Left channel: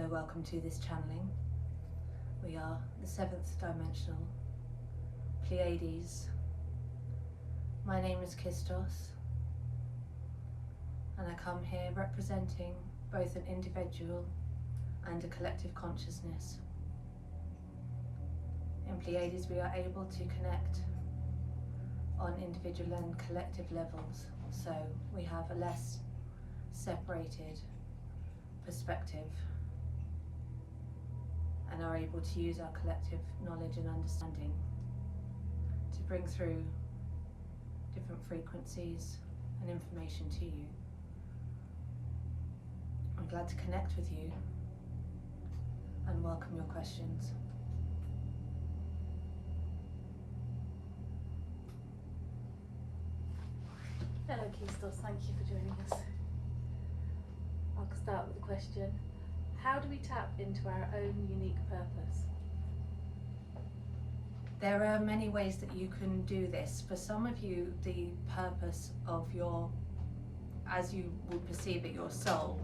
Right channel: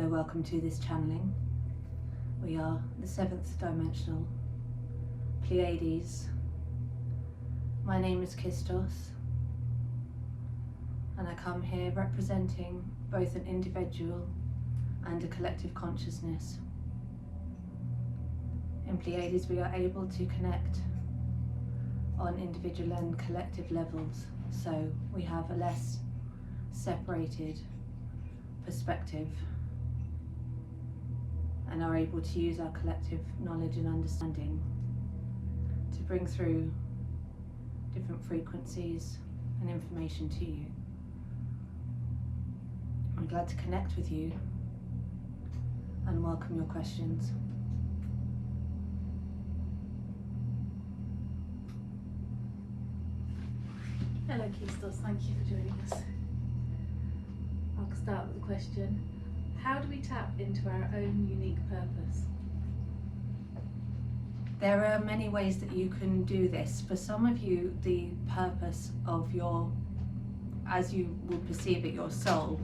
Hello, welcome to this channeling. We are the 7th dimensional Pleiades. My name is Kistos, and I come here representing both an individual and a collective consciousness. In Pleiades we are able to connect on individual and collective levels, so we have a less separated perspective and are able to use our collective knowledge and understanding to bring through different frequencies and information to you. I'm glad to connect with you and welcome your questions. Hello Kistos, thank you for joining us. I'll start with a question. How do we tap into our own unique purpose? There are many ways that you can do this. For some of you, the purpose of your, as you will perceive it, your soul,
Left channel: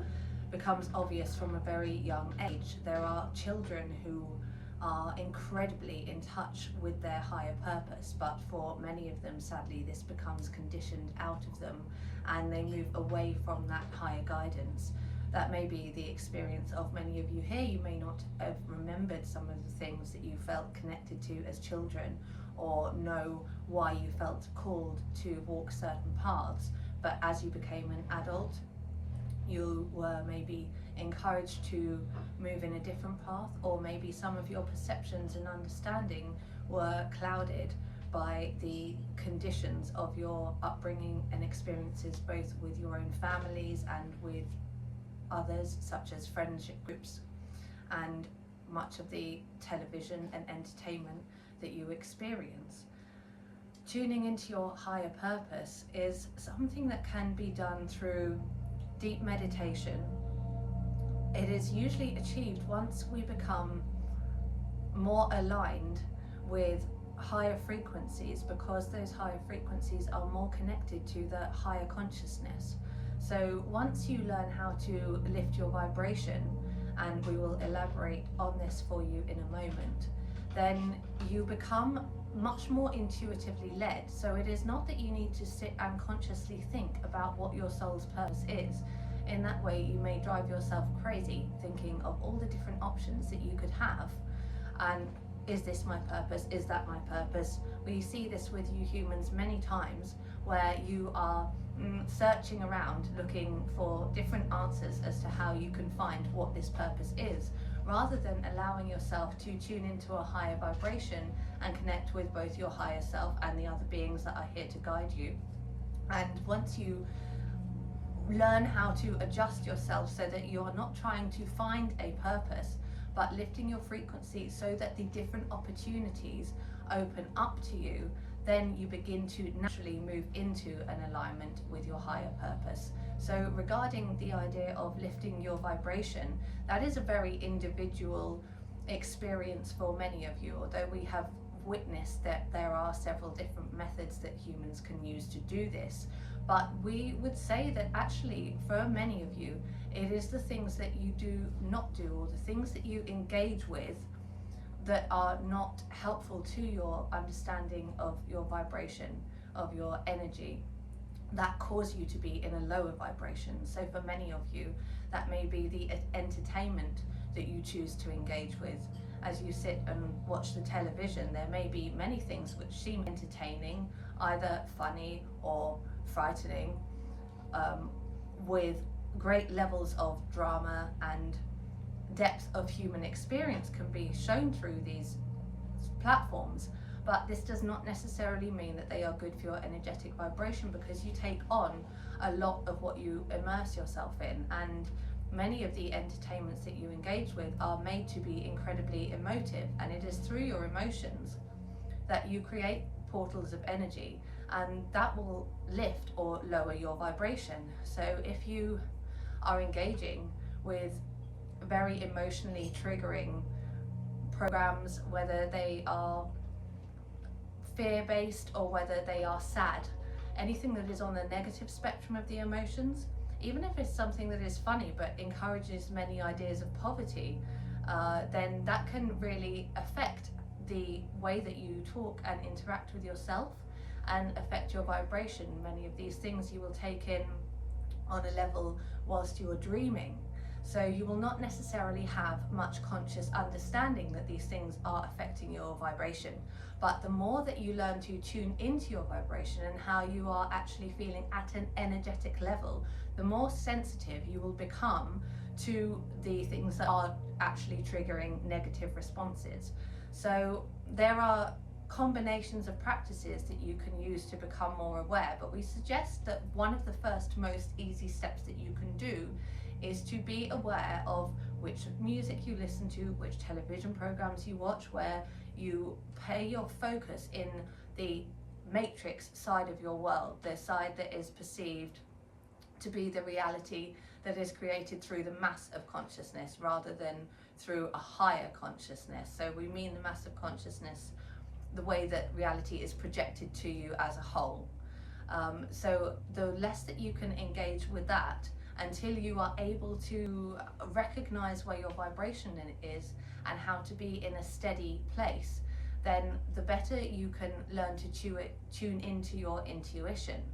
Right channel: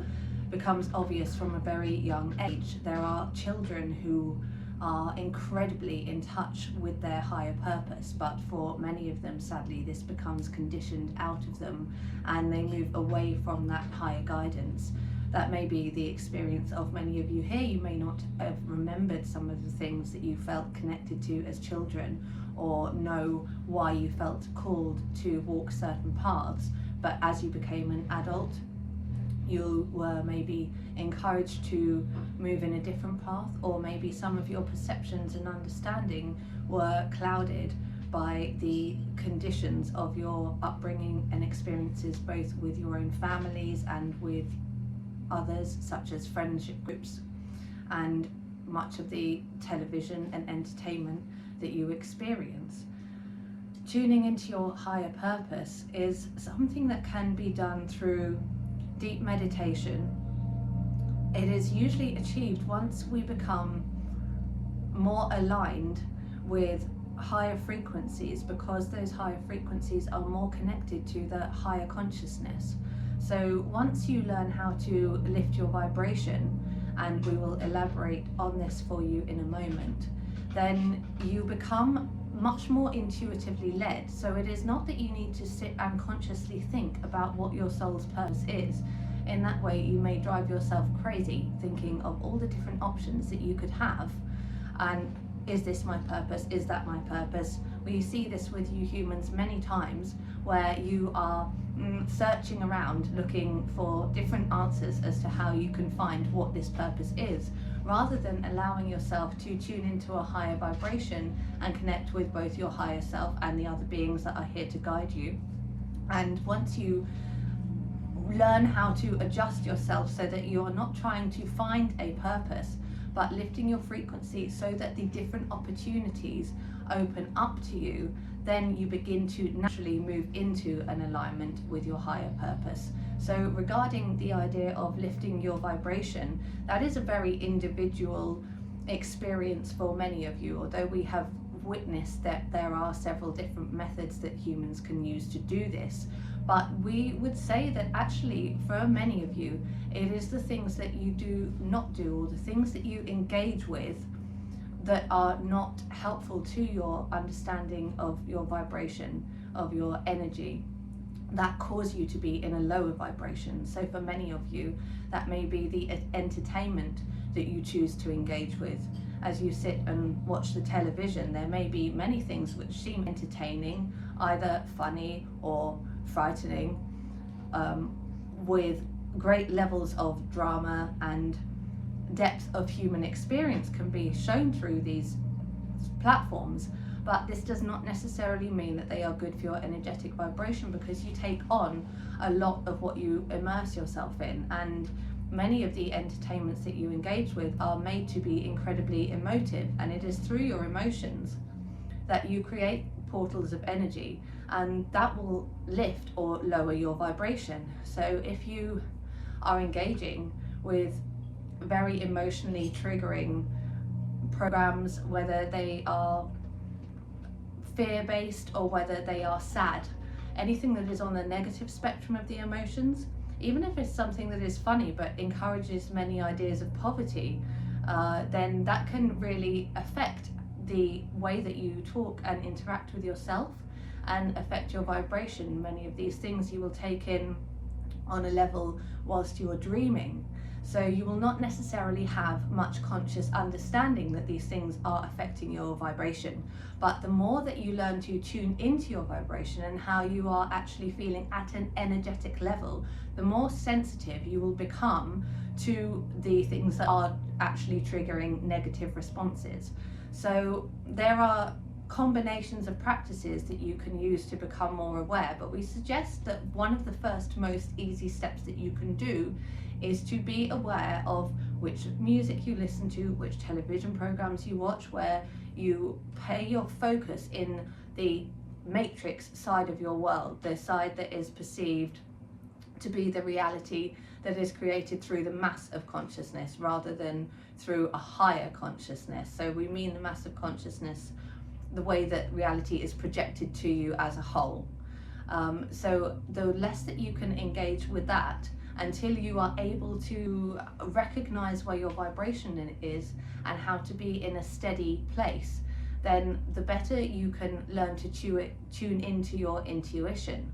becomes obvious from a very young age. There are children who are incredibly in touch with their higher purpose, but for many of them, sadly, this becomes conditioned out of them and they move away from that higher guidance. That may be the experience of many of you here. You may not have remembered some of the things that you felt connected to as children, or know why you felt called to walk certain paths, but as you became an adult, you were maybe encouraged to move in a different path, or maybe some of your perceptions and understanding were clouded by the conditions of your upbringing and experiences, both with your own families and with others, such as friendship groups and much of the television and entertainment that you experience. Tuning into your higher purpose is something that can be done through deep meditation. It is usually achieved once we become more aligned with higher frequencies, because those higher frequencies are more connected to the higher consciousness. So once you learn how to lift your vibration, and we will elaborate on this for you in a moment, then you become much more intuitively led. So it is not that you need to sit and consciously think about what your soul's purpose is. In that way you may drive yourself crazy thinking of all the different options that you could have, and is this my purpose, is that my purpose? We see this with you humans many times, where you are searching around looking for different answers as to how you can find what this purpose is, rather than allowing yourself to tune into a higher vibration and connect with both your higher self and the other beings that are here to guide you. And once you learn how to adjust yourself so that you are not trying to find a purpose, but lifting your frequency so that the different opportunities open up to you, then you begin to naturally move into an alignment with your higher purpose. So regarding the idea of lifting your vibration, that is a very individual experience for many of you, although we have witnessed that there are several different methods that humans can use to do this. But we would say that actually for many of you, it is the things that you do not do, or the things that you engage with that are not helpful to your understanding of your vibration, of your energy, that cause you to be in a lower vibration. So for many of you, that may be the entertainment that you choose to engage with. As you sit and watch the television, there may be many things which seem entertaining, either funny or frightening, with great levels of drama and depth of human experience can be shown through these platforms. But this does not necessarily mean that they are good for your energetic vibration, because you take on a lot of what you immerse yourself in, and many of the entertainments that you engage with are made to be incredibly emotive, and it is through your emotions that you create portals of energy, and that will lift or lower your vibration. So if you are engaging with very emotionally triggering programs, whether they are fear-based or whether they are sad, anything that is on the negative spectrum of the emotions, even if it's something that is funny but encourages many ideas of poverty, then that can really affect the way that you talk and interact with yourself and affect your vibration. Many of these things you will take in on a level whilst you're dreaming. So you will not necessarily have much conscious understanding that these things are affecting your vibration. But the more that you learn to tune into your vibration and how you are actually feeling at an energetic level, the more sensitive you will become to the things that are actually triggering negative responses. So there are combinations of practices that you can use to become more aware, but we suggest that one of the first most easy steps that you can do is to be aware of which music you listen to, which television programs you watch, where you pay your focus in the matrix side of your world, the side that is perceived to be the reality that is created through the mass of consciousness rather than through a higher consciousness. So we mean the mass of consciousness, the way that reality is projected to you as a whole. So the less that you can engage with that until you are able to recognize where your vibration is and how to be in a steady place, then the better you can learn to tune into your intuition.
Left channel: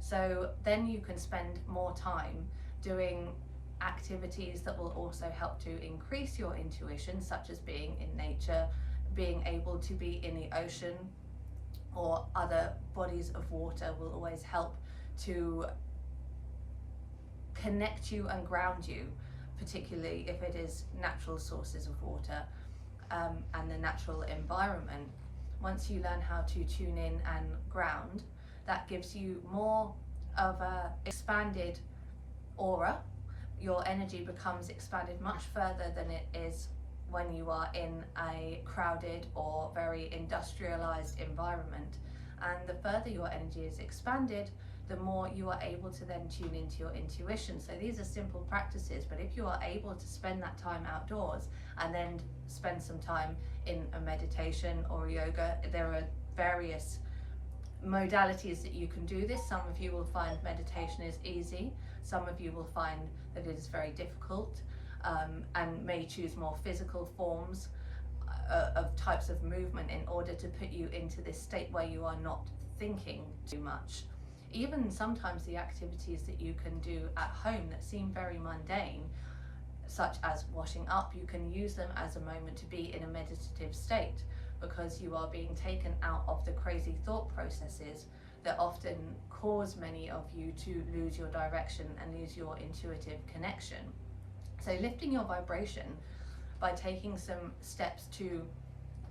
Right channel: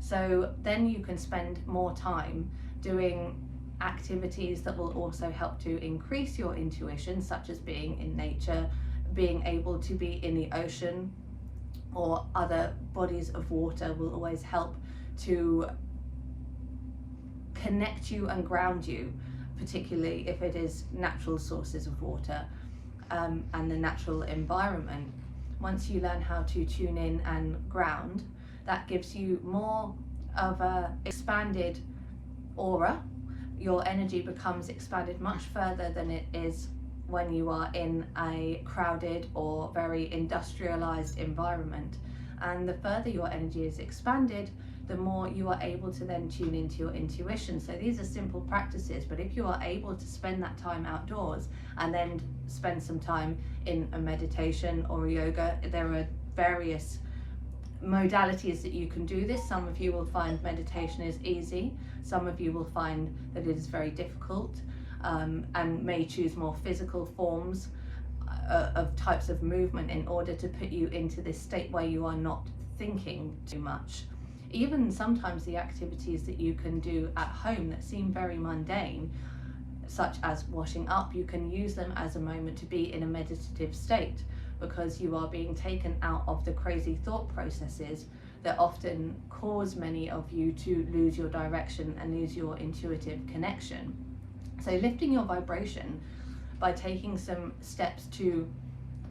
So then you can spend more time doing activities that will also help to increase your intuition, such as being in nature, being able to be in the ocean or other bodies of water will always help to connect you and ground you, particularly if it is natural sources of water and the natural environment. Once you learn how to tune in and ground, that gives you more of a expanded aura. Your energy becomes expanded much further than it is when you are in a crowded or very industrialized environment. And the further your energy is expanded, the more you are able to then tune into your intuition. So these are simple practices, but if you are able to spend that time outdoors and then spend some time in a meditation or a yoga, there are various modalities that you can do this. Some of you will find meditation is easy, some of you will find that it is very difficult, and may choose more physical forms of types of movement in order to put you into this state where you are not thinking too much. Even sometimes the activities that you can do at home that seem very mundane, such as washing up, you can use them as a moment to be in a meditative state, because you are being taken out of the crazy thought processes that often cause many of you to lose your direction and lose your intuitive connection. So lifting your vibration by taking some steps to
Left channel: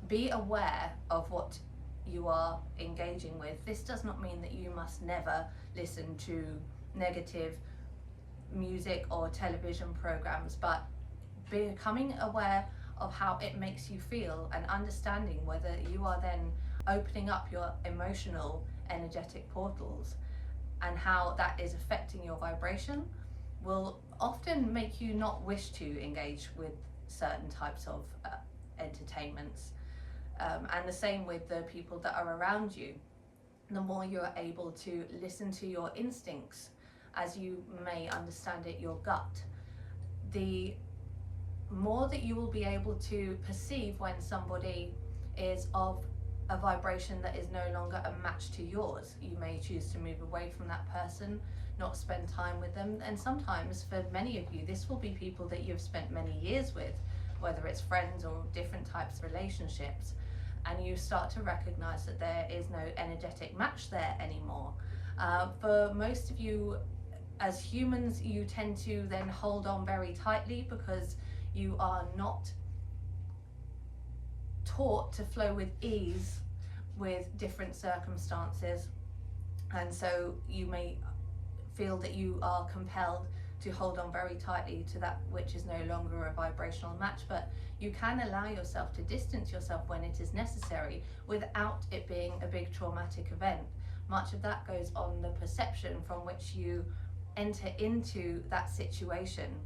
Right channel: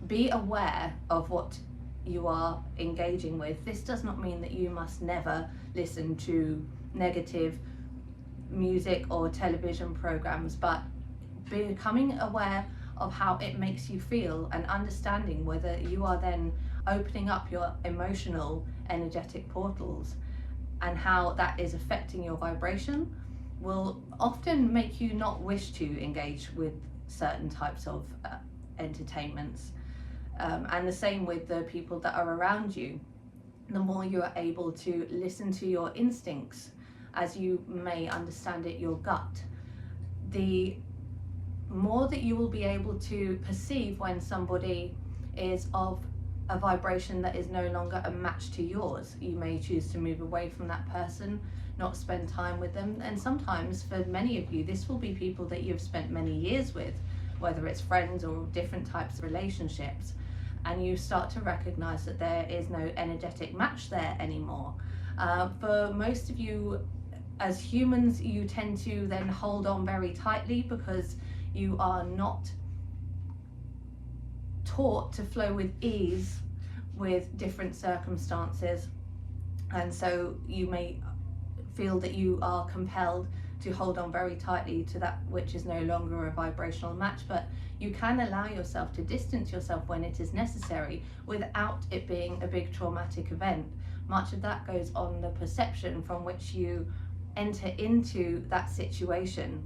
be aware of what you are engaging with. This does not mean that you must never listen to negative music or television programs, but becoming aware of how it makes you feel and understanding whether you are then opening up your emotional energetic portals and how that is affecting your vibration will often make you not wish to engage with certain types of entertainments. And the same with the people that are around you. The more you are able to listen to your instincts, as you may understand it, your gut, the more that you will be able to perceive when somebody is of a vibration that is no longer a match to yours. You may choose to move away from that person, not spend time with them. And sometimes for many of you, this will be people that you've spent many years with, whether it's friends or different types of relationships. And you start to recognize that there is no energetic match there anymore. For most of you, as humans, you tend to then hold on very tightly because you are not taught to flow with ease with different circumstances. And so you may feel that you are compelled to hold on very tightly to that which is no longer a vibrational match, but you can allow yourself to distance yourself when it is necessary without it being a big traumatic event. Much of that goes on the perception from which you enter into that situation,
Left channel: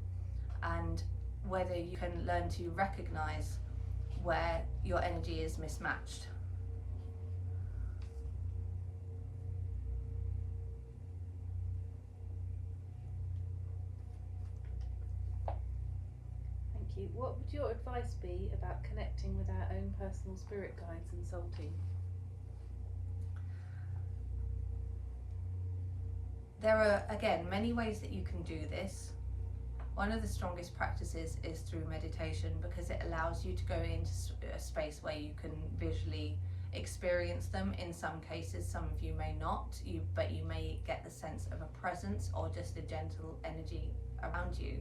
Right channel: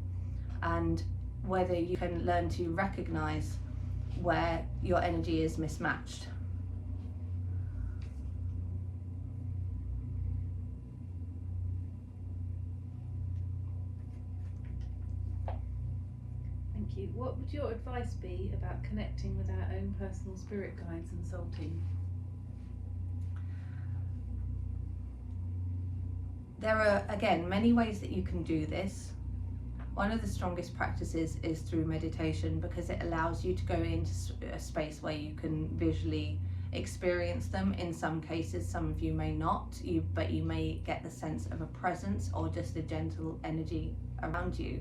and whether you can learn to recognize where your energy is mismatched. you. What would your advice be about connecting with our own personal spirit guides and soul team? There are, again, many ways that you can do this. One of the strongest practices is through meditation, because it allows you to go into a space where you can visually experience them. In some cases, some of you may not, but you may get the sense of a presence or just a gentle energy around you.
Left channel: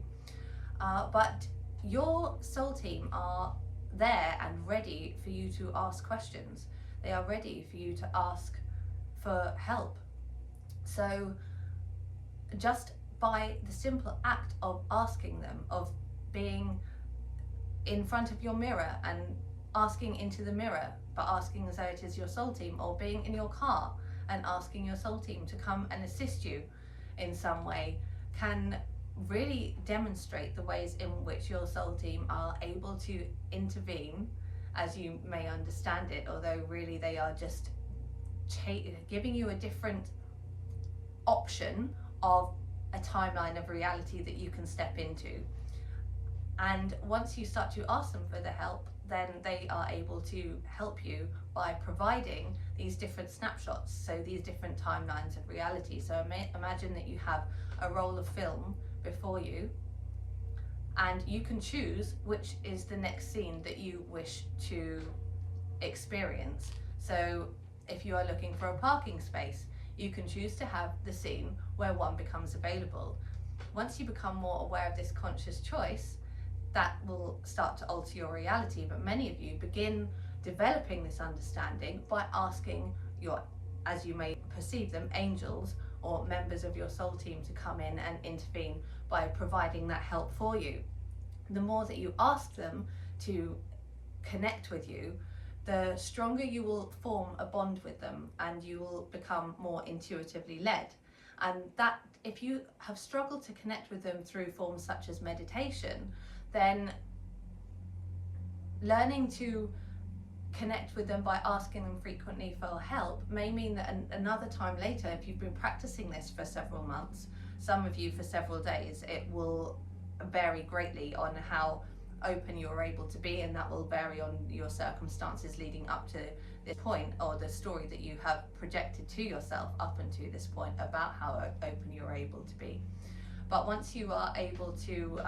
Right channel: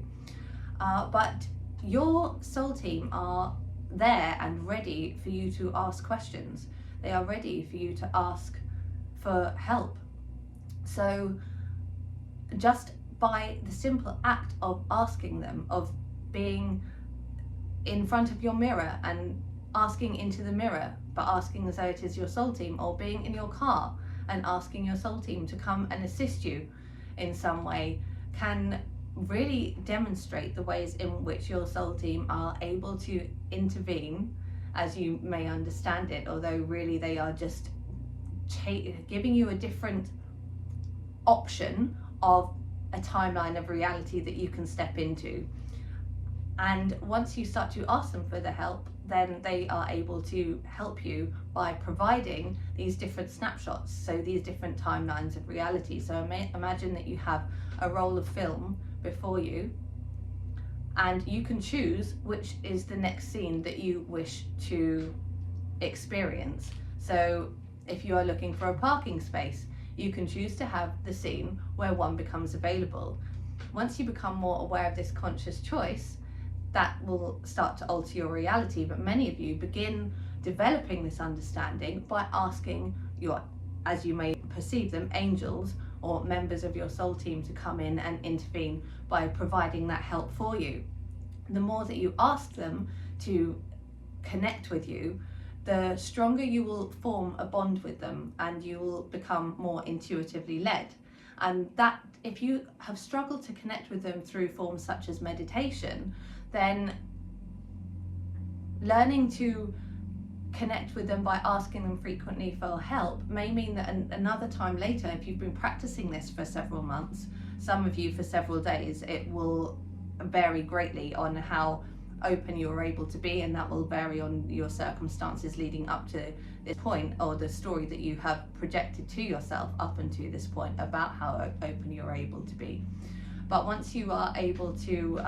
But your soul team are there and ready for you to ask questions. They are ready for you to ask for help. So just by the simple act of asking them, of being in front of your mirror and asking into the mirror, but asking as though it is your soul team, or being in your car and asking your soul team to come and assist you in some way, can really demonstrate the ways in which your soul team are able to intervene as you may understand it, although really they are just giving you a different option of a timeline of reality that you can step into. And once you start to ask them for the help, then they are able to help you by providing these different snapshots, so these different timelines of reality. So imagine that you have a roll of film before you, and you can choose which is the next scene that you wish to experience. So if you are looking for a parking space, you can choose to have the scene where one becomes available. Once you become more aware of this conscious choice, that will start to alter your reality. But many of you begin developing this understanding by asking your, as you may perceive them, angels or members of your soul team to come in and intervene by providing that help for you. The more that you ask them to connect with you, the stronger you will form a bond with them, and you will become more intuitively led. And that, if you have struggled to connect with them through forms such as meditation, then learning to connect with them by asking them frequently for help may mean that another time later, if you've been practicing this for several months, some of you for several days, it will vary greatly on how open you are able to be, and that will vary on your circumstances leading up to this point, or the story that you have projected to yourself up until this point about how open you're able to be. But once you are able to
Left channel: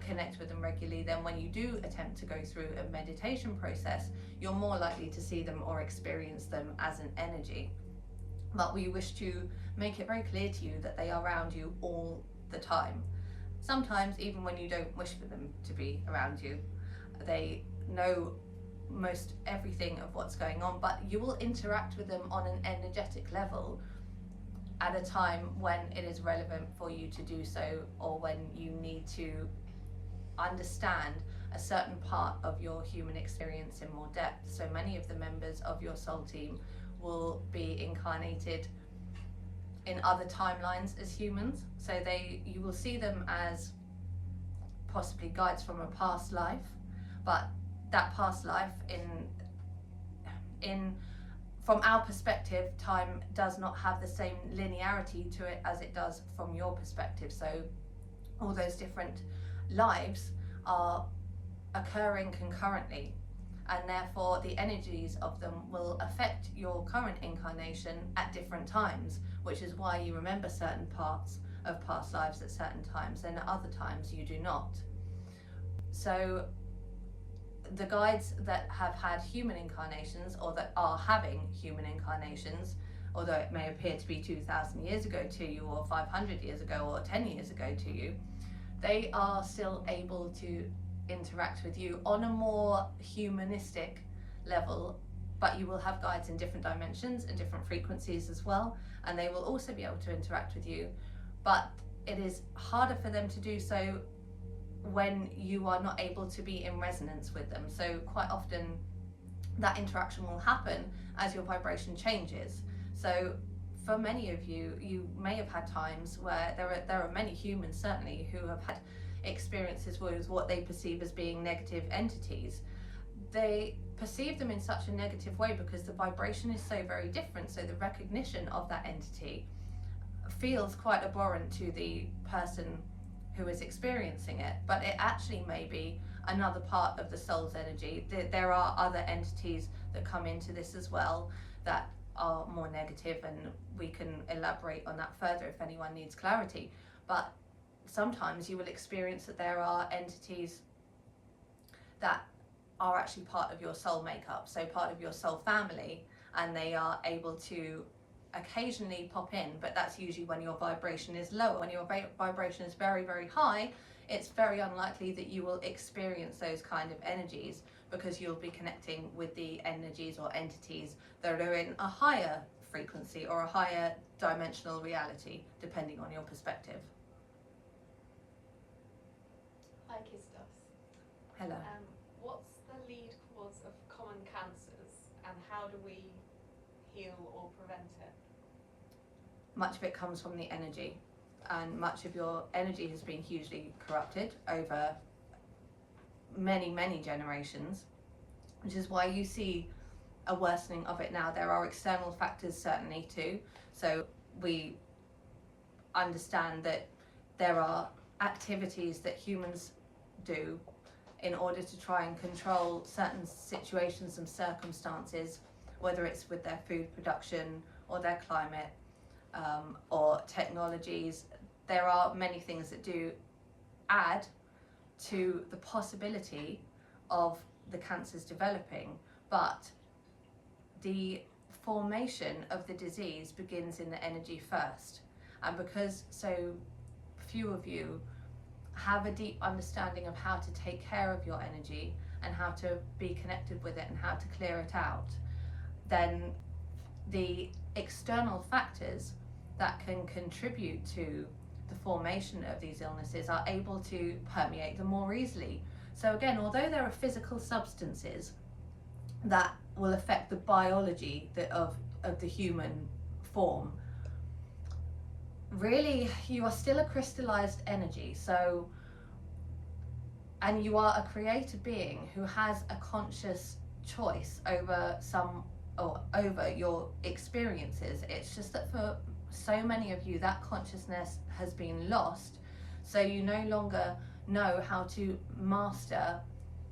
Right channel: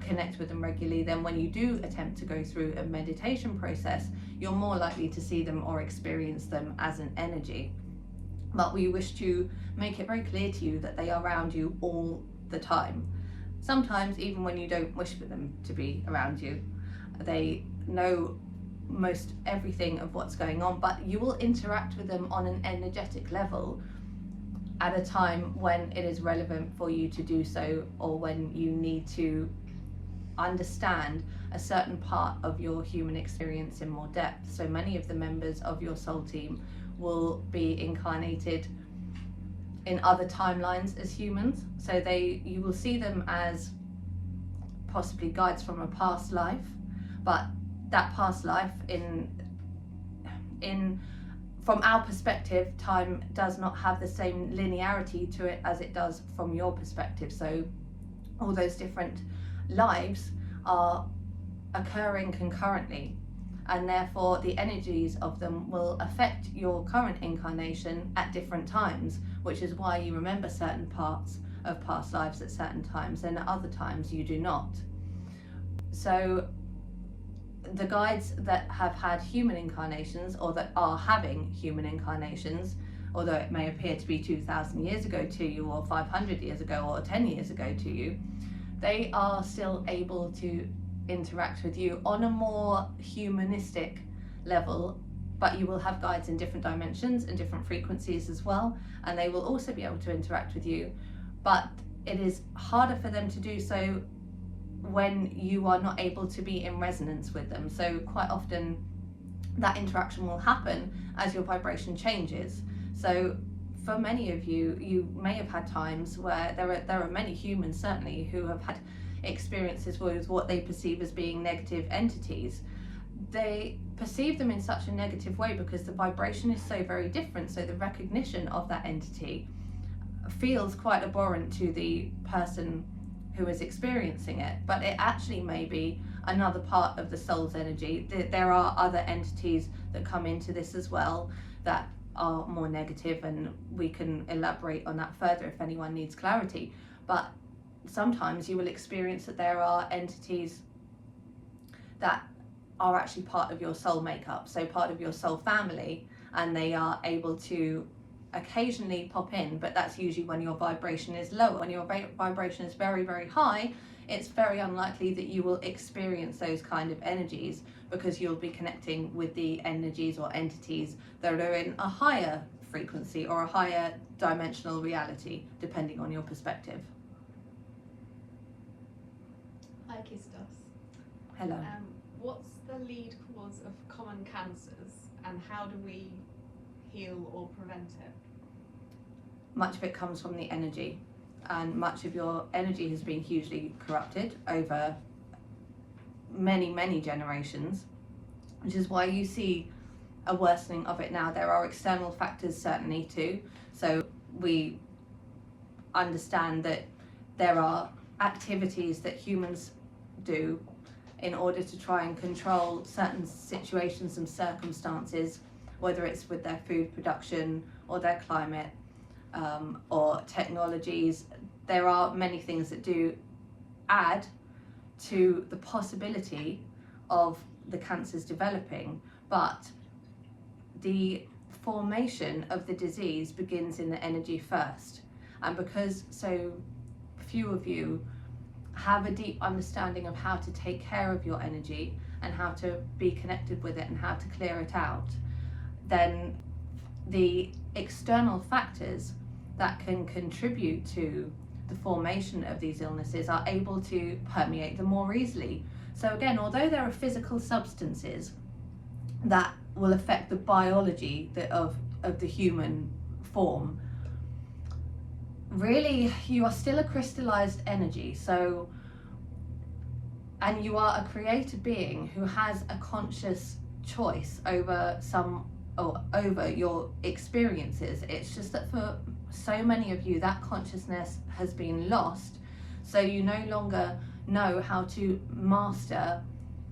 connect with them regularly, then when you do attempt to go through a meditation process, you're more likely to see them or experience them as an energy. But we wish to make it very clear to you that they are around you all the time. Sometimes even when you don't wish for them to be around you. They know most everything of what's going on, but you will interact with them on an energetic level at a time when it is relevant for you to do so, or when you need to understand a certain part of your human experience in more depth. So many of the members of your soul team will be incarnated in other timelines as humans, so you will see them as possibly guides from a past life, but that past life from our perspective, time does not have the same linearity to it as it does from your perspective. So all those different lives are occurring concurrently, and therefore the energies of them will affect your current incarnation at different times, which is why you remember certain parts of past lives at certain times, and at other times you do not. So the guides that have had human incarnations, or that are having human incarnations, although it may appear to be 2,000 years ago to you, or 500 years ago, or 10 years ago to you, they are still able to interact with you on a more humanistic level. But you will have guides in different dimensions and different frequencies as well, and they will also be able to interact with you, but it is harder for them to do so when you are not able to be in resonance with them. So quite often that interaction will happen as your vibration changes. So for many of you, you may have had times where there are many humans certainly who have had experiences with what they perceive as being negative entities. They perceive them in such a negative way because the vibration is so very different, so the recognition of that entity feels quite abhorrent to the person who is experiencing it. But it actually may be another part of the soul's energy. There are other entities that come into this as well that are more negative, and we can elaborate on that further if anyone needs clarity. But sometimes you will experience that there are entities that are actually part of your soul makeup, so part of your soul family, and they are able to occasionally pop in, but that's usually when your vibration is lower. When your vibration is very, very high, it's very unlikely that you will experience those kind of energies, because you'll be connecting with the energies or entities that are in a higher frequency or a higher dimensional reality, depending on your perspective. Hi Kistos. Hello. What's the lead cause of common cancers, and how do we heal or prevent it? Much of it comes from the energy, and much of your energy has been hugely corrupted over many, many generations, which is why you see a worsening of it now. There are external factors certainly too, so we understand that there are activities that humans do in order to try and control certain situations and circumstances, whether it's with their food production or their climate, or technologies. There are many things that do add to the possibility of the cancers developing, but the formation of the disease begins in the energy first. And because so few of you have a deep understanding of how to take care of your energy and how to be connected with it and how to clear it out, then the external factors that can contribute to the formation of these illnesses are able to permeate them more easily. So again, although there are physical substances that will affect the biology of the human form, really you are still a crystallized energy. So, and you are a created being who has a conscious choice over over your experiences. It's just that for so many of you, that consciousness has been lost, so you no longer know how to master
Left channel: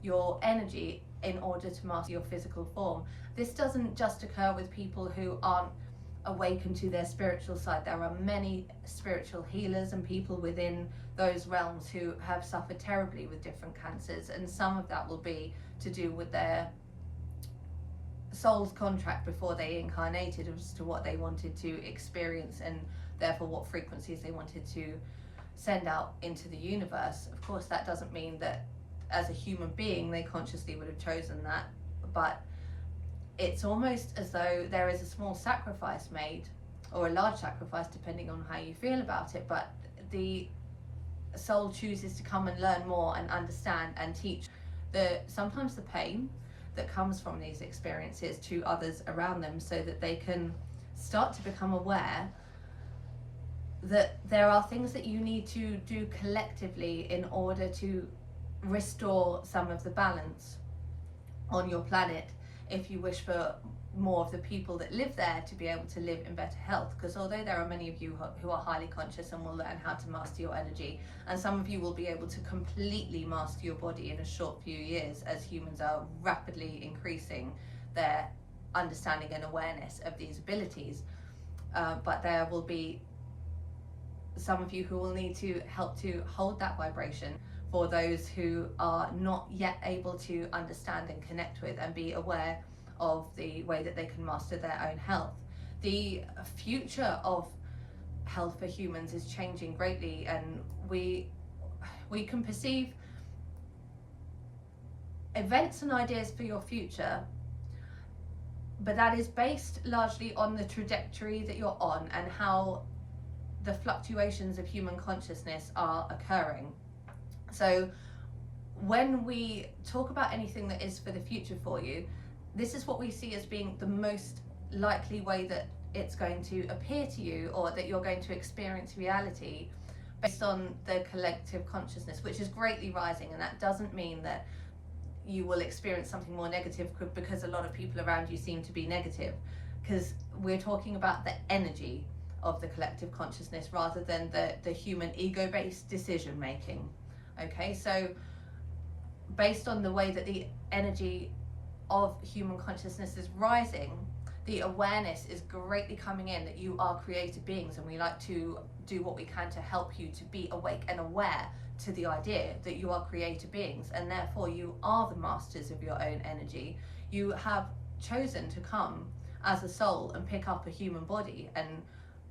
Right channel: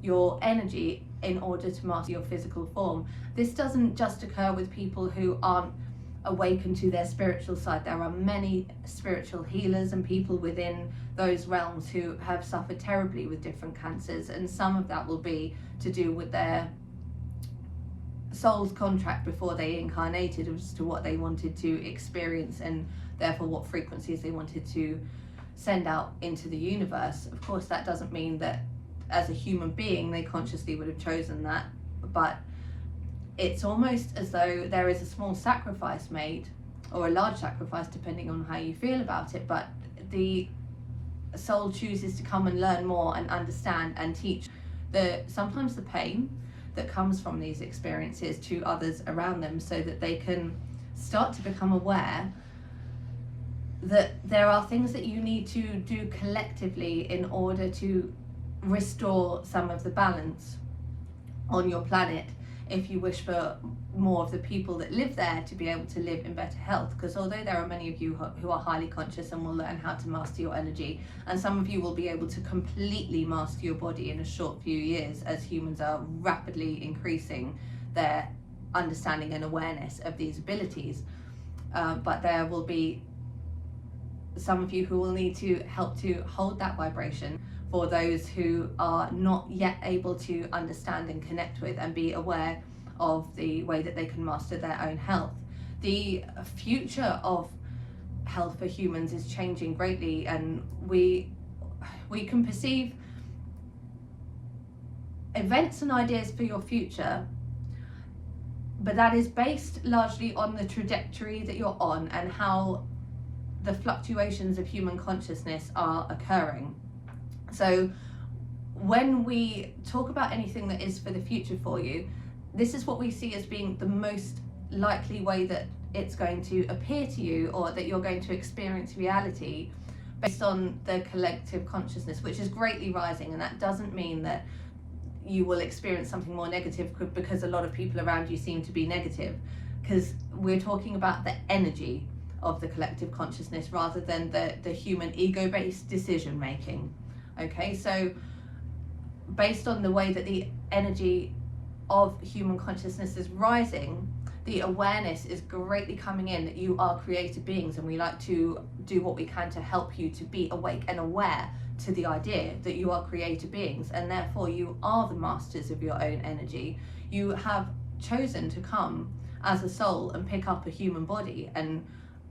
your energy in order to master your physical form. This doesn't just occur with people who aren't awakened to their spiritual side. There are many spiritual healers and people within those realms who have suffered terribly with different cancers, and some of that will be to do with their soul's contract before they incarnated as to what they wanted to experience, and therefore what frequencies they wanted to send out into the universe. Of course, that doesn't mean that as a human being they consciously would have chosen that, but it's almost as though there is a small sacrifice made, or a large sacrifice depending on how you feel about it, but the soul chooses to come and learn more and understand and teach sometimes the pain that comes from these experiences to others around them, so that they can start to become aware that there are things that you need to do collectively in order to restore some of the balance on your planet, if you wish for more of the people that live there to be able to live in better health. Because although there are many of you who are highly conscious and will learn how to master your energy, and some of you will be able to completely master your body in a short few years, as humans are rapidly increasing their understanding and awareness of these abilities, but there will be some of you who will need to help to hold that vibration for those who are not yet able to understand and connect with and be aware of the way that they can master their own health. The future of health for humans is changing greatly, and we can perceive events and ideas for your future, but that is based largely on the trajectory that you're on and how the fluctuations of human consciousness are occurring. So when we talk about anything that is for the future for you, this is what we see as being the most likely way that it's going to appear to you, or that you're going to experience reality, based on the collective consciousness, which is greatly rising. And that doesn't mean that you will experience something more negative because a lot of people around you seem to be negative, because we're talking about the energy of the collective consciousness rather than the human ego-based decision making. Okay, so based on the way that the energy of human consciousness is rising, the awareness is greatly coming in that you are created beings, and we like to do what we can to help you to be awake and aware to the idea that you are created beings, and therefore you are the masters of your own energy. You have chosen to come as a soul and pick up a human body and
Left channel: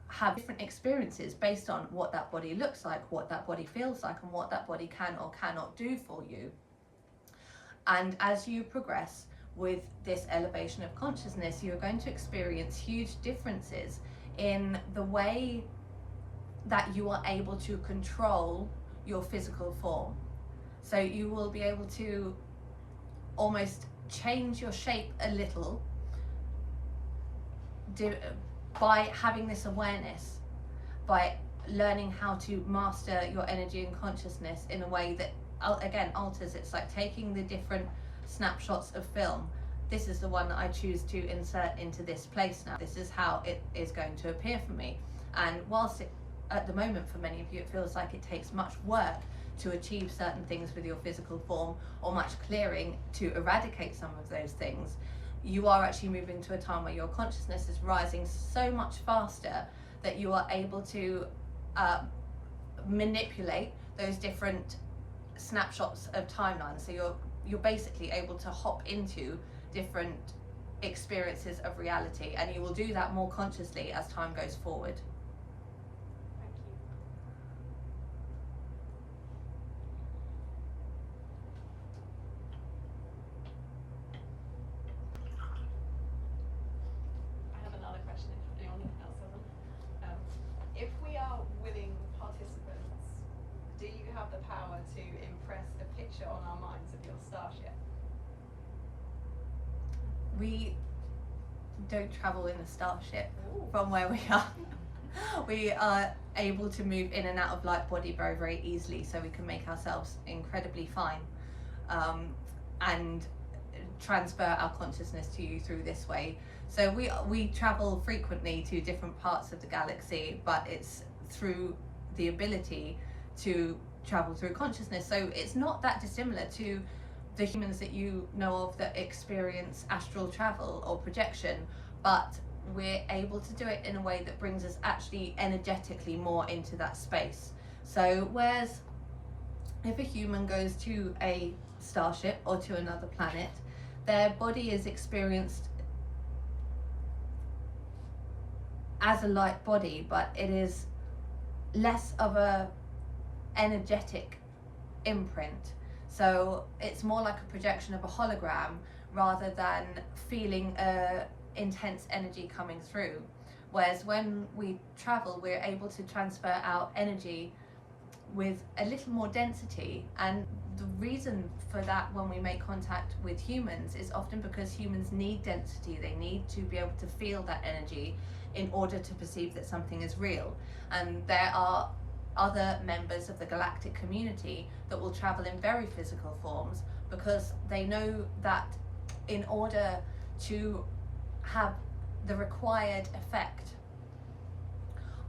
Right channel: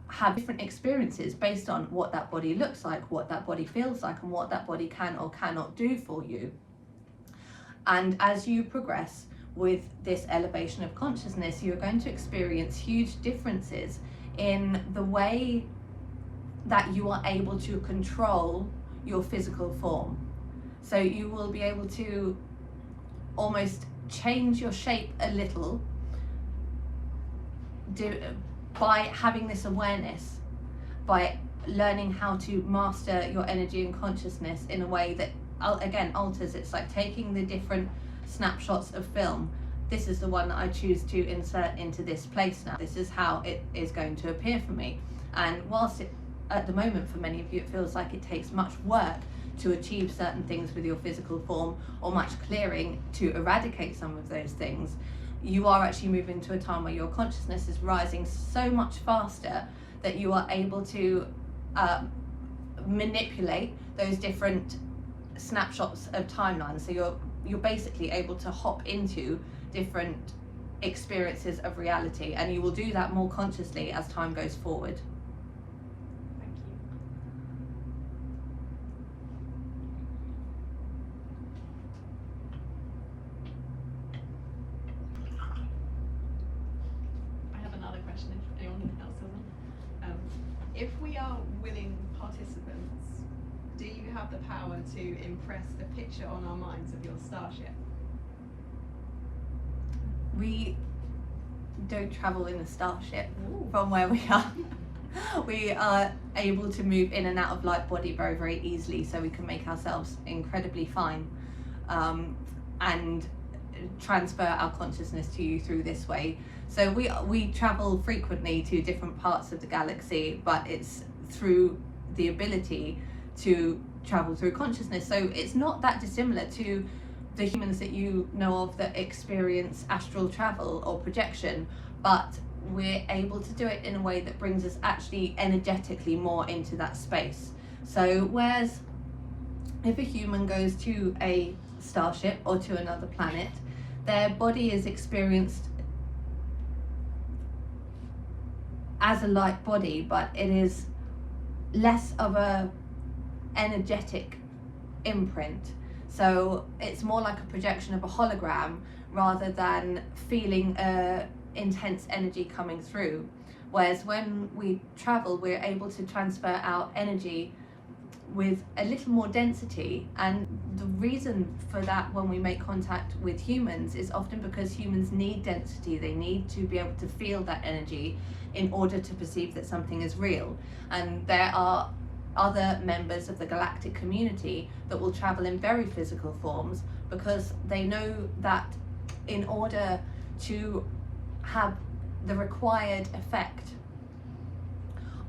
have different experiences based on what that body looks like, what that body feels like, and what that body can or cannot do for you. And as you progress with this elevation of consciousness, you're going to experience huge differences in the way that you are able to control your physical form. So you will be able to almost change your shape a little by having this awareness, by learning how to master your energy and consciousness in a way that again alters. It's like taking the different snapshots of film. This is the one that I choose to insert into this place now. This is how it is going to appear for me. And whilst at the moment for many of you it feels like it takes much work to achieve certain things with your physical form, or much clearing to eradicate some of those things, you are actually moving to a time where your consciousness is rising so much faster that you are able to manipulate those different snapshots of timelines. So you're basically able to hop into different experiences of reality, and you will do that more consciously as time goes forward. Thank you. I have another question if anyone else has them. If we are willing participants, do you have the power to impress a picture on our minds of your starship? We don't travel in a starship from where we are. We are able to move in and out of light body very, very easily, so we can make ourselves incredibly fine and transfer our consciousness to you through this way. So we travel frequently to different parts of the galaxy, but it's through the ability to travel through consciousness. So it's not that dissimilar to the humans that you know of that experience astral travel or projection, but we're able to do it in a way that brings us actually energetically more into that space. So whereas if a human goes to a starship or to another planet, their body is experienced as a light body, but it is less of a energetic imprint. So it's more like a projection of a hologram rather than feeling intense energy coming through. Whereas when we travel, we're able to transfer our energy with a little more density, and the reason for that when we make contact with humans is often because humans need density. They need to be able to feel that energy in order to perceive that something is real. And there are other members of the galactic community that will travel in very physical forms because they know that in order to have the required effect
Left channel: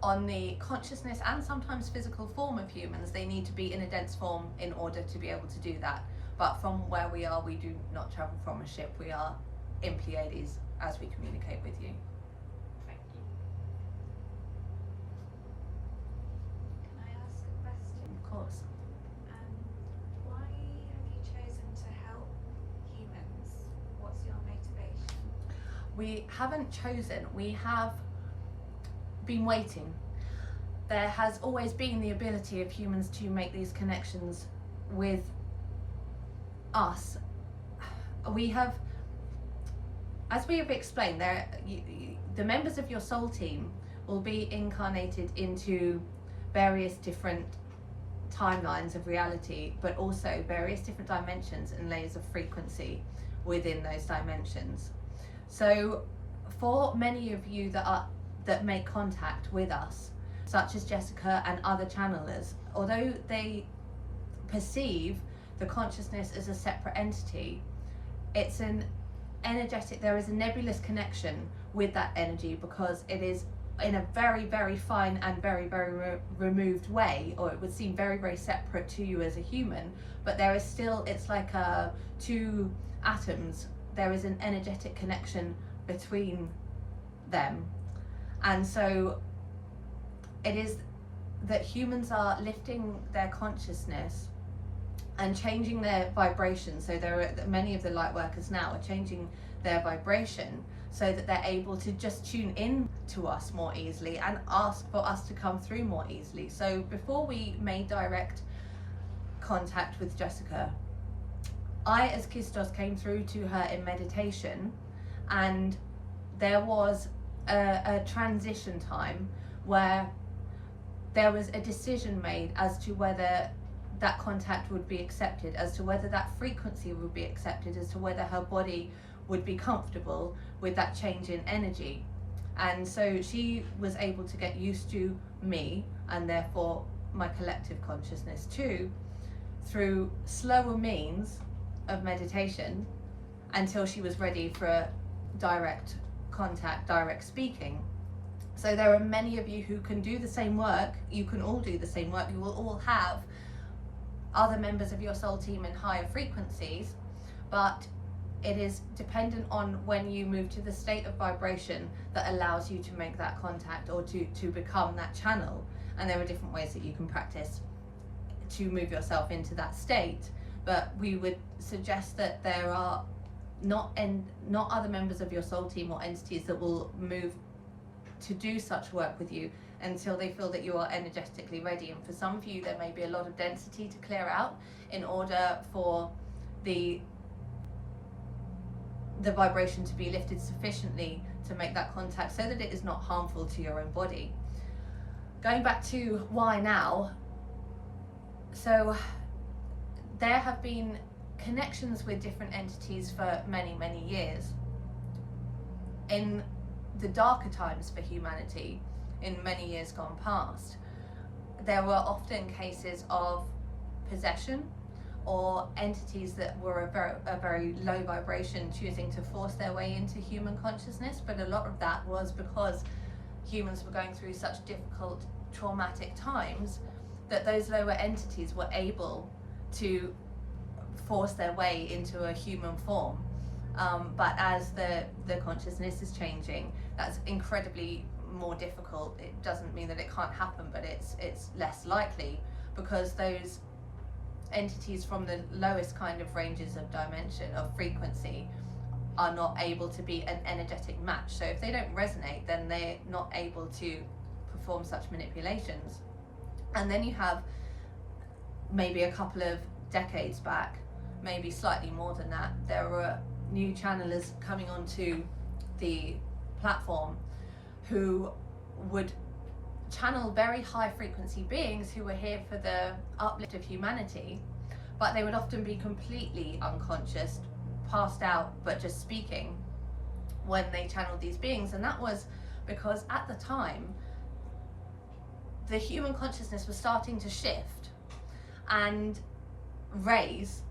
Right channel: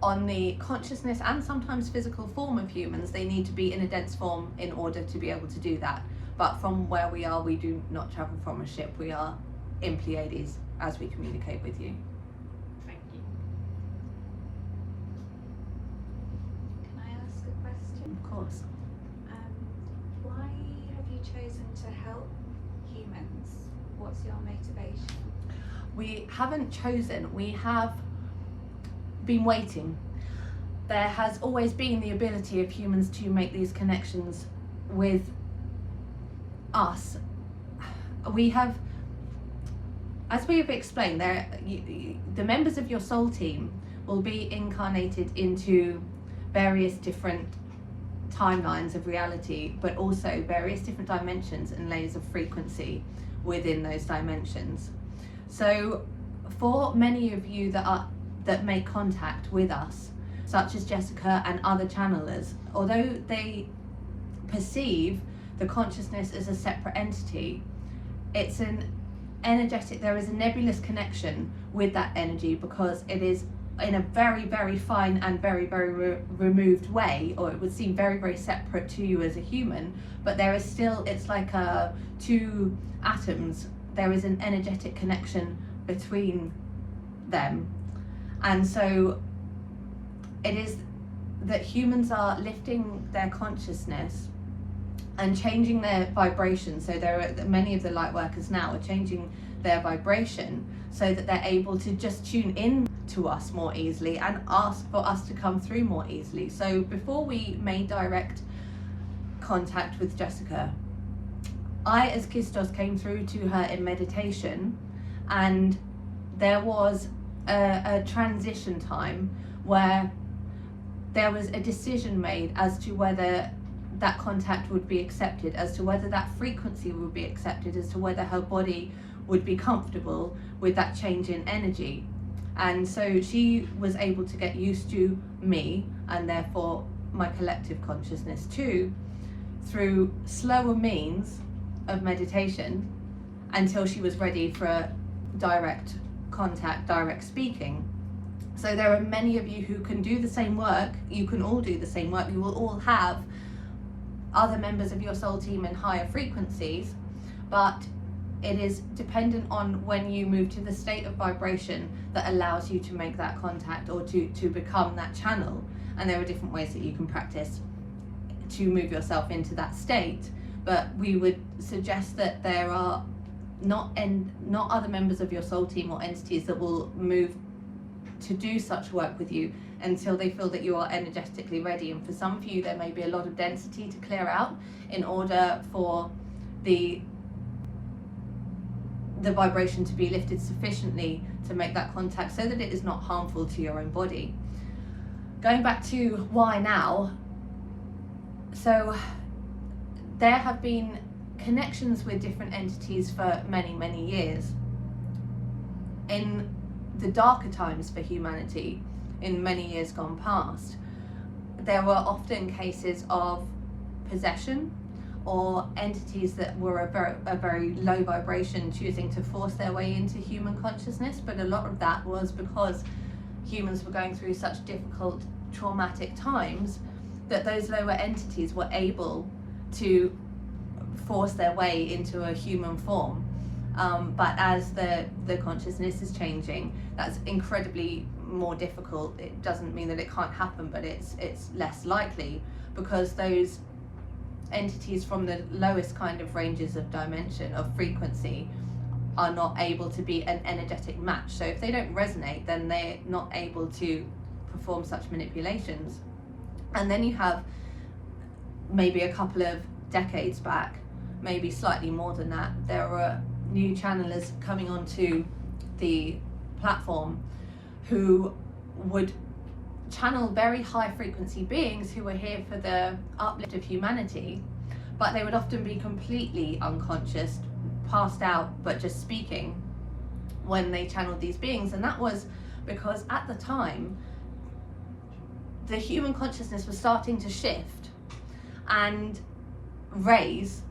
on the consciousness and sometimes physical form of humans, they need to be in a dense form in order to be able to do that. But from where we are, we do not travel from a ship. We are in Pleiades as we communicate with you. Thank you. Can I ask a question? Of course. Why have you chosen to help humans? What's your motivation? We haven't chosen, we have been waiting. There has always been the ability of humans to make these connections with us. We have, as we've explained, the members of your soul team will be incarnated into various different timelines of reality, but also various different dimensions and layers of frequency within those dimensions. So for many of you that make contact with us, such as Jessica and other channelers, although they perceive the consciousness as a separate entity, it's an energetic, there is a nebulous connection with that energy because it is in a very, very fine and very, very removed way, or it would seem very, very separate to you as a human, but there is still, it's like two atoms, there is an energetic connection between them. And so it is that humans are lifting their consciousness and changing their vibration. So there are many of the light workers now are changing their vibration so that they're able to just tune in to us more easily and ask for us to come through more easily. So before we made direct contact with Jessica, I as Christos came through to her in meditation, and there was a transition time where there was a decision made as to whether that contact would be accepted, as to whether that frequency would be accepted, as to whether her body would be comfortable with that change in energy. And so she was able to get used to me, and therefore my collective consciousness too, through slower means of meditation, until she was ready for direct contact, direct speaking. So there are many of you who can do the same work. You can all do the same work. You will all have other members of your soul team in higher frequencies, but it is dependent on when you move to the state of vibration that allows you to make that contact, or to become that channel. And there are different ways that you can practice to move yourself into that state, but we would suggest that there are not other members of your soul team or entities that will move to do such work with you until they feel that you are energetically ready. And for some of you, there may be a lot of density to clear out in order for the vibration to be lifted sufficiently to make that contact so that it is not harmful to your own body. Going back to why now, so there have been connections with different entities for many, many years. In the darker times for humanity, in many years gone past, there were often cases of possession, or entities that were a very low vibration choosing to force their way into human consciousness. But a lot of that was because humans were going through such difficult, traumatic times that those lower entities were able to force their way into a human form. But as the consciousness is changing, that's incredibly more difficult. It doesn't mean that it can't happen, but it's less likely, because those entities from the lowest kind of ranges of dimension of frequency are not able to be an energetic match. So if they don't resonate, then they're not able to perform such manipulations. And then you have maybe a couple of decades back, maybe slightly more than that, there were new channelers coming onto the platform who would channel very high frequency beings who were here for the uplift of humanity, but they would often be completely unconscious, passed out, but just speaking when they channeled these beings. And that was because at the time the human consciousness was starting to shift and raise,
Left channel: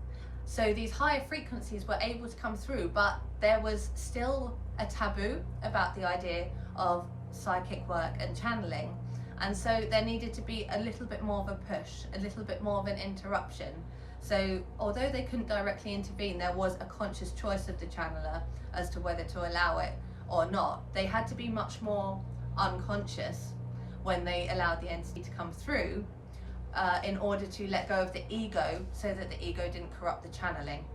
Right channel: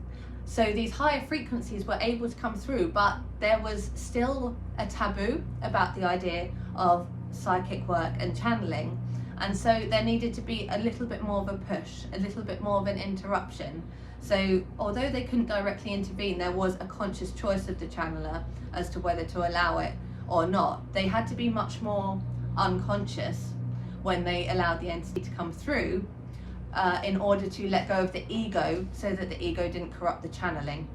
so these higher frequencies were able to come through, but there was still a taboo about the idea of psychic work and channeling. And so there needed to be a little bit more of a push, a little bit more of an interruption. So although they couldn't directly intervene, there was a conscious choice of the channeler as to whether to allow it or not. They had to be much more unconscious when they allowed the entity to come through, in order to let go of the ego, so that the ego didn't corrupt the channeling.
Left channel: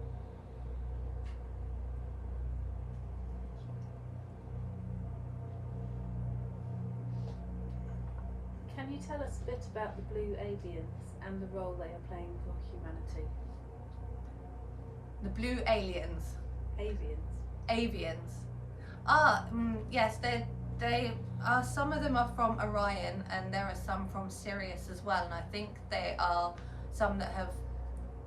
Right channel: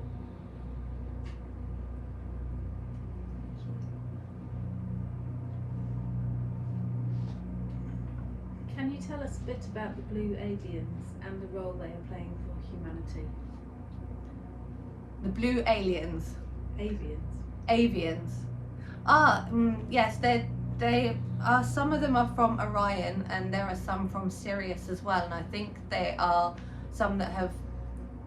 Can you tell us a bit about the blue aliens and the role they are playing for humanity? The blue aliens. Avians. Yes, they are, some of them are from Orion, and there are some from Sirius as well, and I think there are some that have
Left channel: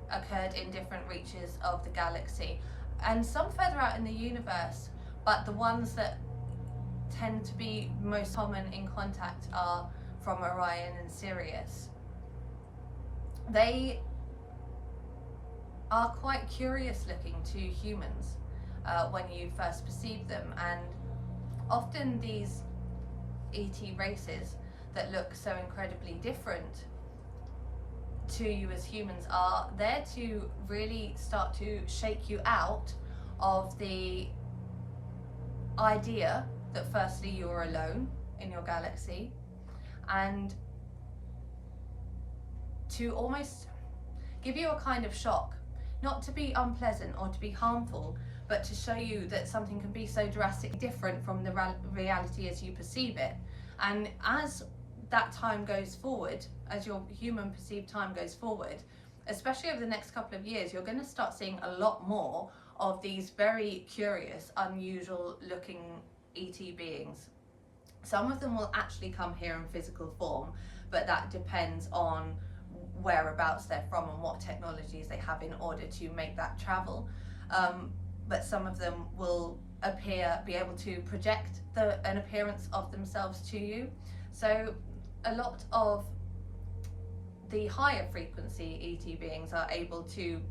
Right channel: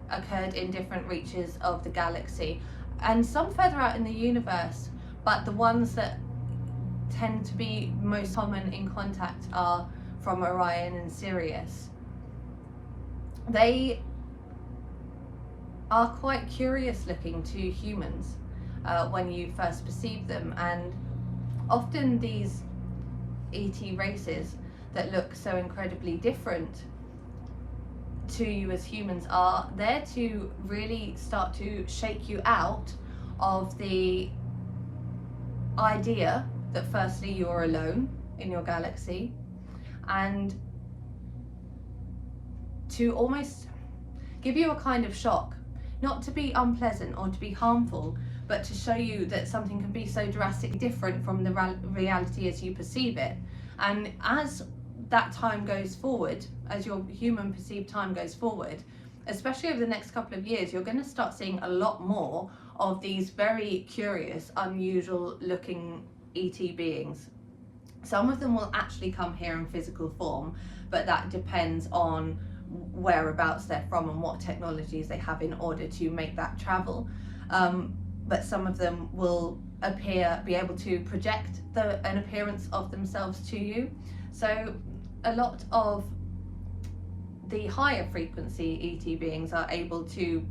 occurred in different reaches of the galaxy, and some further out in the universe, but the ones that tend to be most common in contact are from Orion and Sirius. They are quite curious looking to humans when you first perceive them, and often these ET races that look so incredibly different to you as humans are there to really start to shake you out of the idea that firstly you're alone in your galaxy, and to almost give you a kind of shock, not to be unpleasant or to be harmful, but to show you that something can be so drastically different from the reality as you perceive it. And as that time goes forward, as your human perceived time goes forward, especially over the next couple of years, you're going to start seeing a lot more of these very curious, unusual looking ET beings. Some of them will actually come here in physical form, but that depends on whereabouts they're from and what technologies they have in order to make that travel. But some of them will be able to project an appearance of themselves to you. So a lot of the higher frequency ET beings are able to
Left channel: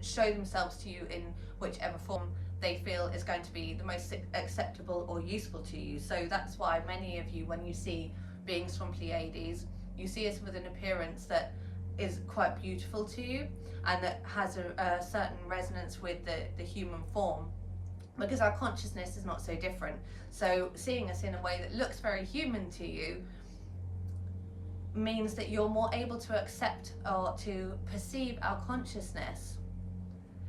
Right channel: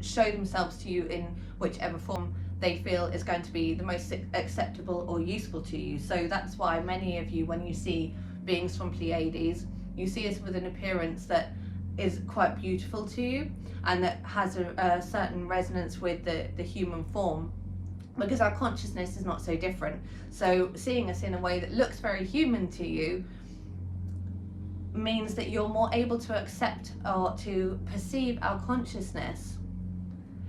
show themselves to you in whichever form they feel is going to be the most acceptable or useful to you. So that's why many of you, when you see beings from Pleiades, you see us with an appearance that is quite beautiful to you and that has a certain resonance with the human form, because our consciousness is not so different. So seeing us in a way that looks very human to you means that you're more able to accept or to perceive our consciousness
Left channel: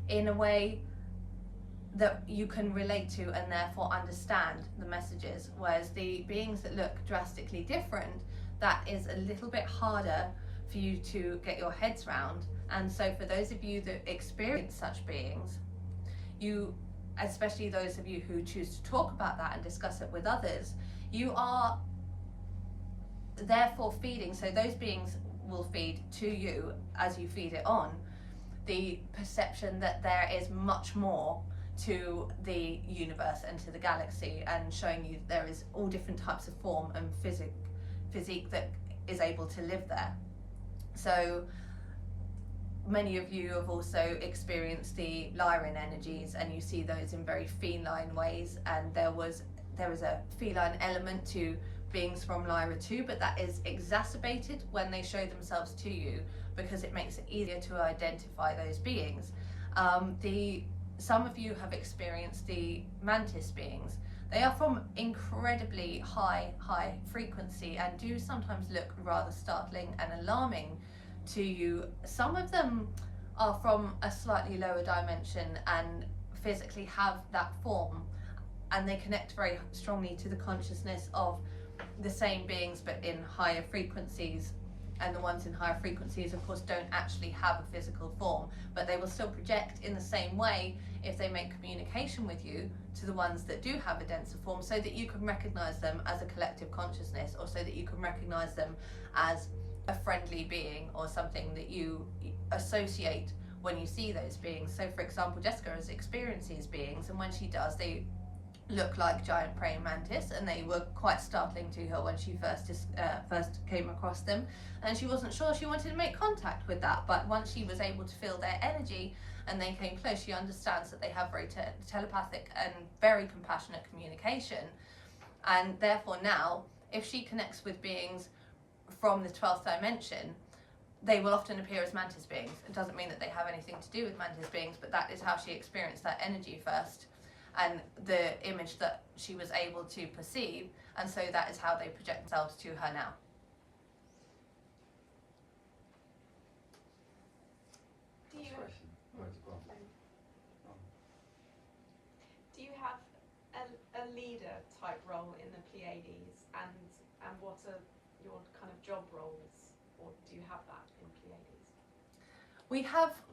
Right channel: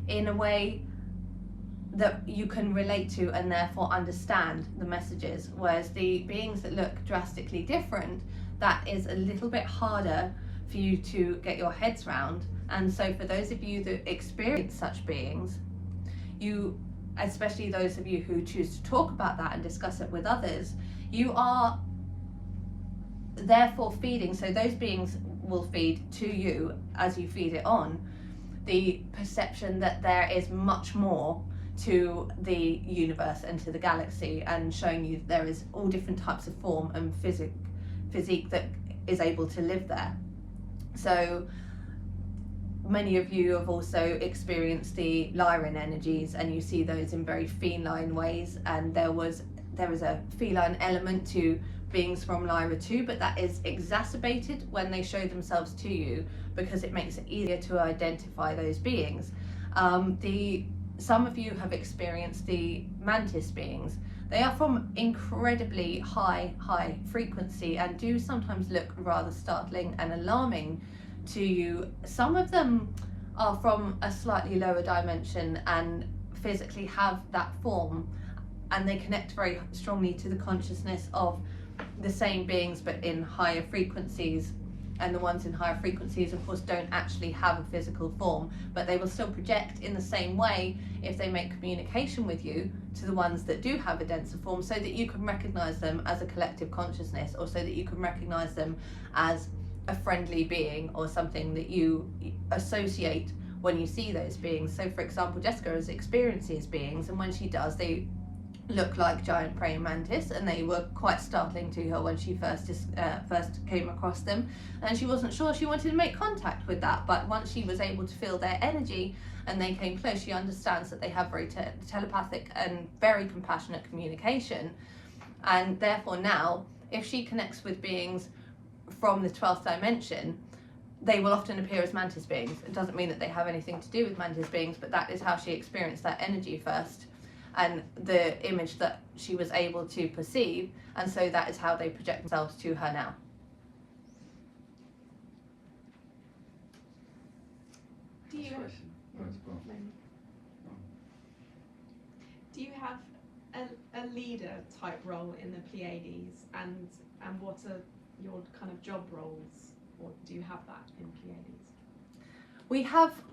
in a way that you can relate to and therefore understand the messages. Whereas the beings that look drastically different, that is a little bit harder for you to get your heads round. And so for those of you that experience such beings, you, especially those of you who choose to talk about that and discuss it with others, you are therefore feeding, so those beings will feed to you as you feed it on, the perception that there is much more to the universe and to the galaxy, and showing you there is all different types of form and physique that is able to live there. So many of you have also experienced the Lyran energies, and you see those in very feline ways, and there is a feline element to beings from Lyra too, but that is exacerbated when they show themselves to you, because it makes it easier to identify those beings. Some of you have experienced the mantis beings. They are from incredibly high frequency and do sometimes look rather startling and alarming to you. Some of them are from a slightly lower dimension and physically have that form, and they connect very strongly to the consciousness of the same beings but in higher frequencies. And the ones in higher frequencies, of course, don't actually have a physical form, but they will still project in the same way if they make communication with you to the ones that do have a denser form, so that you can recognize them as a collective consciousness, or so that you can recognize them as a friendly being or something that you associate when you see those beings. So for example, Jessica has experienced these beings, and when she does, they look like giant praying mantis, and they were quite startling to her when she first came across them, and she wasn't sure she wanted to make contact with that. But once she was able to feel their energy and they came close, she understands that they have very telepathic and very compassionate communication. And therefore now, if she connects with beings from the 12th dimension, they will often appear as mantis beings. It doesn't mean that they have anything to do with mantis beings, but that is how she experienced that energy first, and the image that she was able to perceive, and so that is how they project themselves to her now. Do you have a leader type role in the Pleiades, and what are your kind of job roles, or do you have that in Pleiades?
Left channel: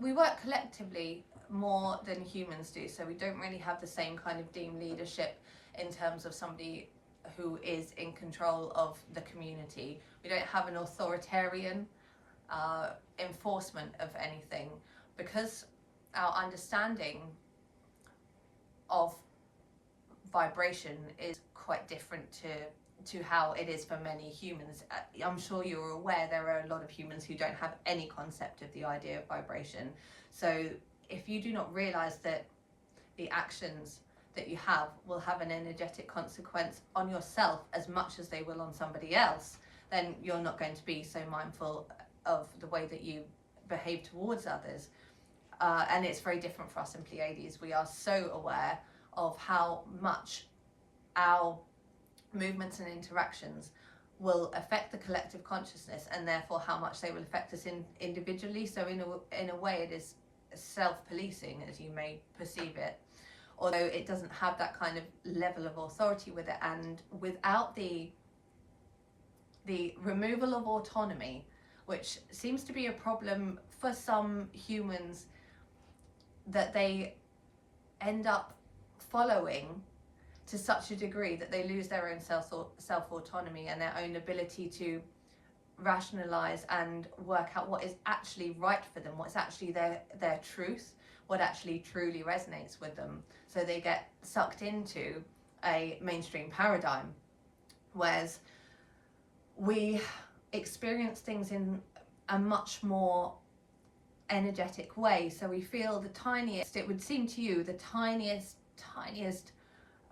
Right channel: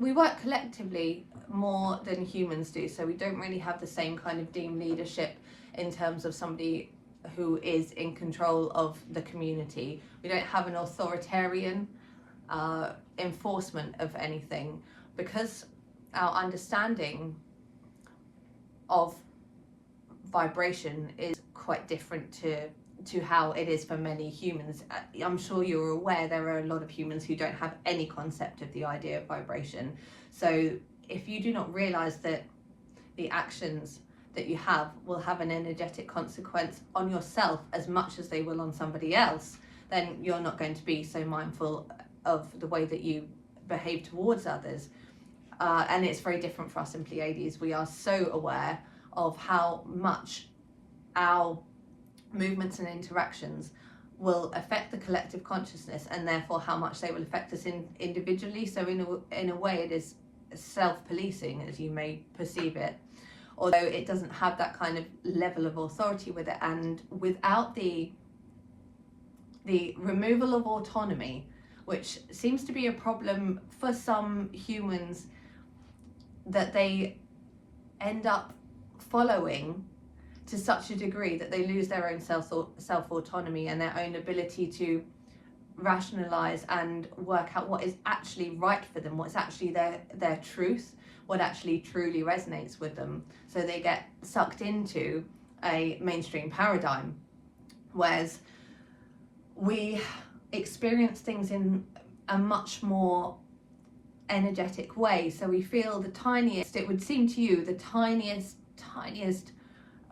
We work collectively more than humans do, so we don't really have the same kind of team leadership in terms of somebody who is in control of the community. We don't have an authoritarian enforcement of anything, because our understanding of vibration is quite different to how it is for many humans. I'm sure you're aware there are a lot of humans who don't have any concept of the idea of vibration. So if you do not realize that the actions that you have will have an energetic consequence on yourself as much as they will on somebody else, then you're not going to be so mindful of the way that you behave towards others. And it's very different for us in Pleiades. We are so aware of how much our movements and interactions will affect the collective consciousness, and therefore how much they will affect us individually. So in a way it is self-policing, as you may perceive it, although it doesn't have that kind of level of authority with it. And without the removal of autonomy, which seems to be a problem for some humans, that they end up following to such a degree that they lose their own self-autonomy and their own ability to rationalize and work out what is actually right for them, what's actually their truth, what actually truly resonates with them. So they get sucked into a mainstream paradigm, whereas we experience things in a much more energetic way. So we feel the tiniest, it would seem to you, the tiniest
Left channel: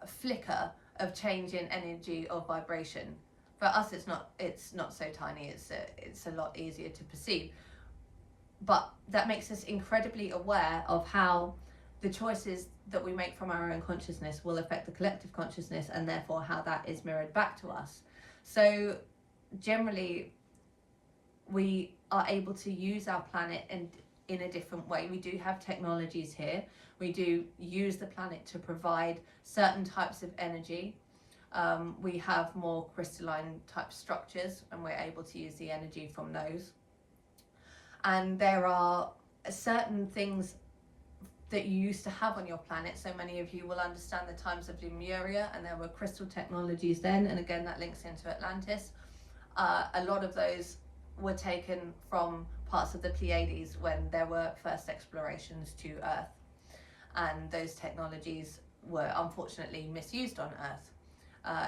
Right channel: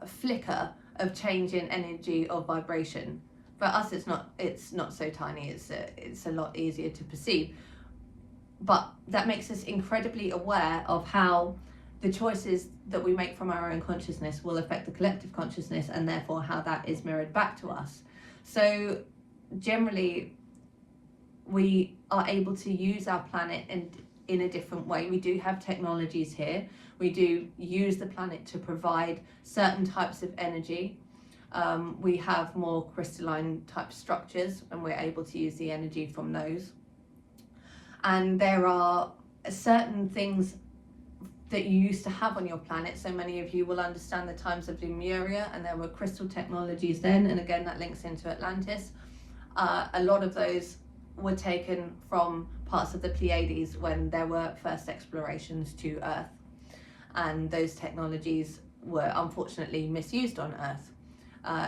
flicker of change in energy or vibration. For us it's not so tiny, it's a lot easier to perceive, but that makes us incredibly aware of how the choices that we make from our own consciousness will affect the collective consciousness, and therefore how that is mirrored back to us. So generally we are able to use our planet in a different way. We do have technologies here. We do use the planet to provide certain types of energy. We have more crystalline type structures, and we're able to use the energy from those. And there are certain things that you used to have on your planet. So many of you will understand the times of Lemuria, and there were crystal technologies then, and again that links into Atlantis. A lot of those were taken from parts of the Pleiades when there were first explorations to Earth, and those technologies were unfortunately misused on Earth.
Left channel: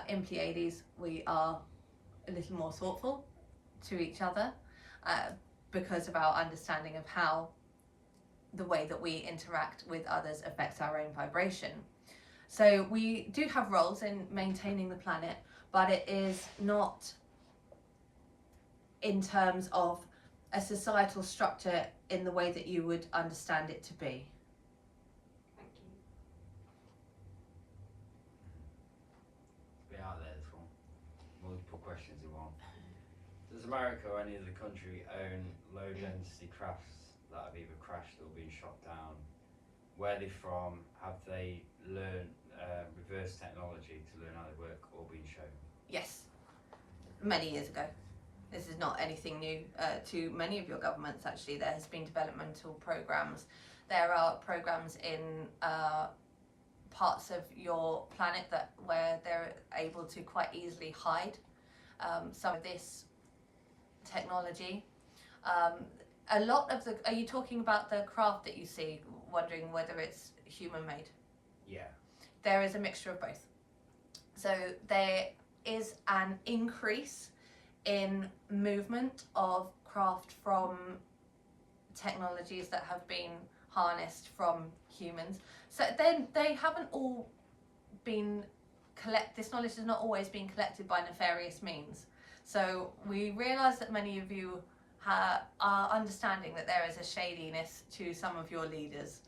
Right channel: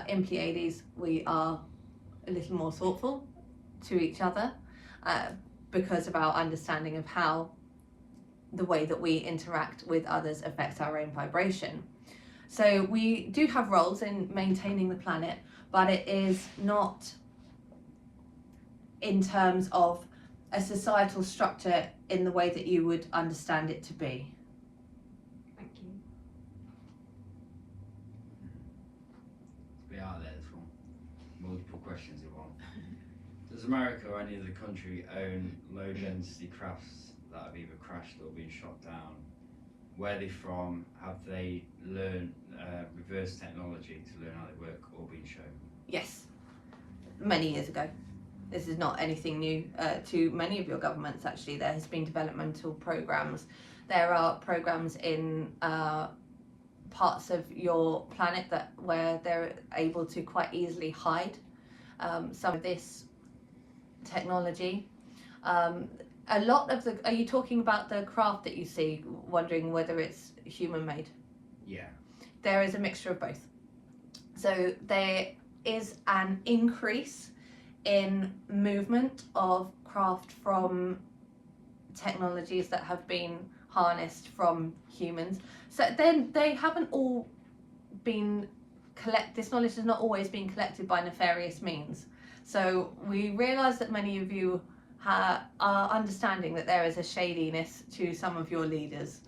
In Pleiades we are a little more thoughtful to each other because of our understanding of how the way that we interact with others affects our own vibration. So we do have roles in maintaining the planet, but it is not in terms of a societal structure in the way that you would understand it to be. Thank you. We are there for multiple questions in one. Does America or any other country own low density crafts that have either crashed or been shot down? Where are they from? Have they learned reverse technology to learn how they work or been shown? Yes, many years ago. This is not anything new to many of your governments. Actually, there has been developmental programs. There are programs in parts of your planet where they're able to quite easily hide some of this technology. A lot of are you talking about the craft that you see, wondering whether it's human made? Yeah. There is a mixture of both. So there is an increase in movement of craft from technologies that have been harnessed from humans. So then they haven't all been this knowledge has not always been collected by nefarious means. So we realise that many of you are understanding that there is a shadiness to some of your leaders.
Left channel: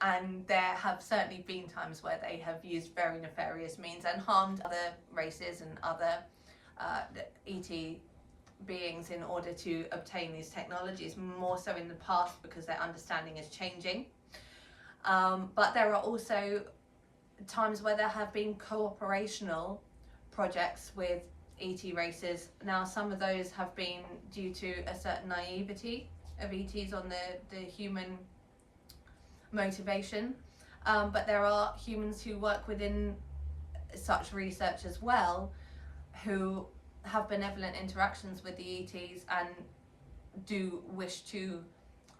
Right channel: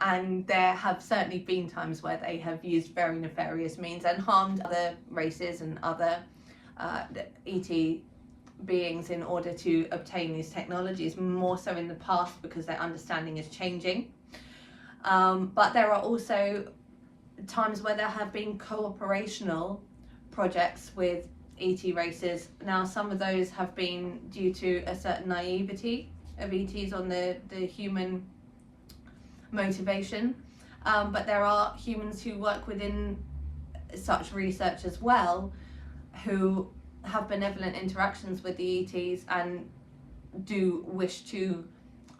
And there have certainly been times where they have used very nefarious means and harmed other races and other ET beings in order to obtain these technologies, more so in the past because their understanding is changing. But there are also times where there have been cooperational projects with ET races. Now some of those have been due to a certain naivety of ETs on the human motivation, but there are humans who work within such research as well who have benevolent interactions with the ETs and do wish to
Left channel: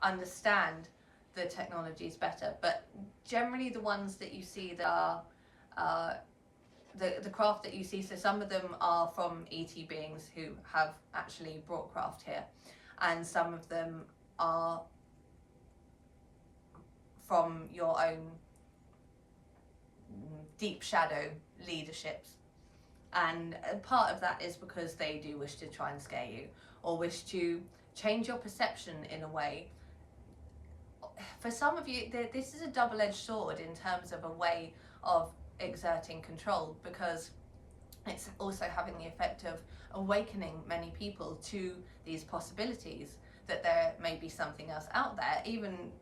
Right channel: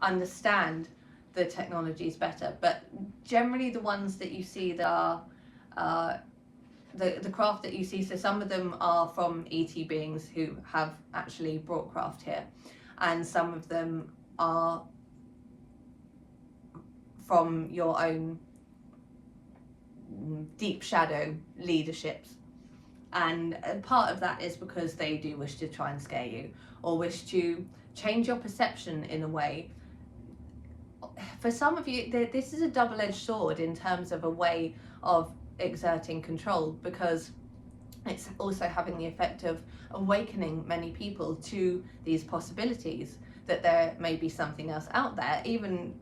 understand the technologies better. But generally the ones that you see that are the craft that you see, so some of them are from ET beings who have actually brought craft here, and some of them are from your own deep shadow leaderships. And part of that is because they do wish to try and scare you, or wish to change your perception in a way. For some of you, this is a double-edged sword in terms of a way of exerting control, because it's also having the effect of awakening many people to these possibilities, that there may be something else out there. Even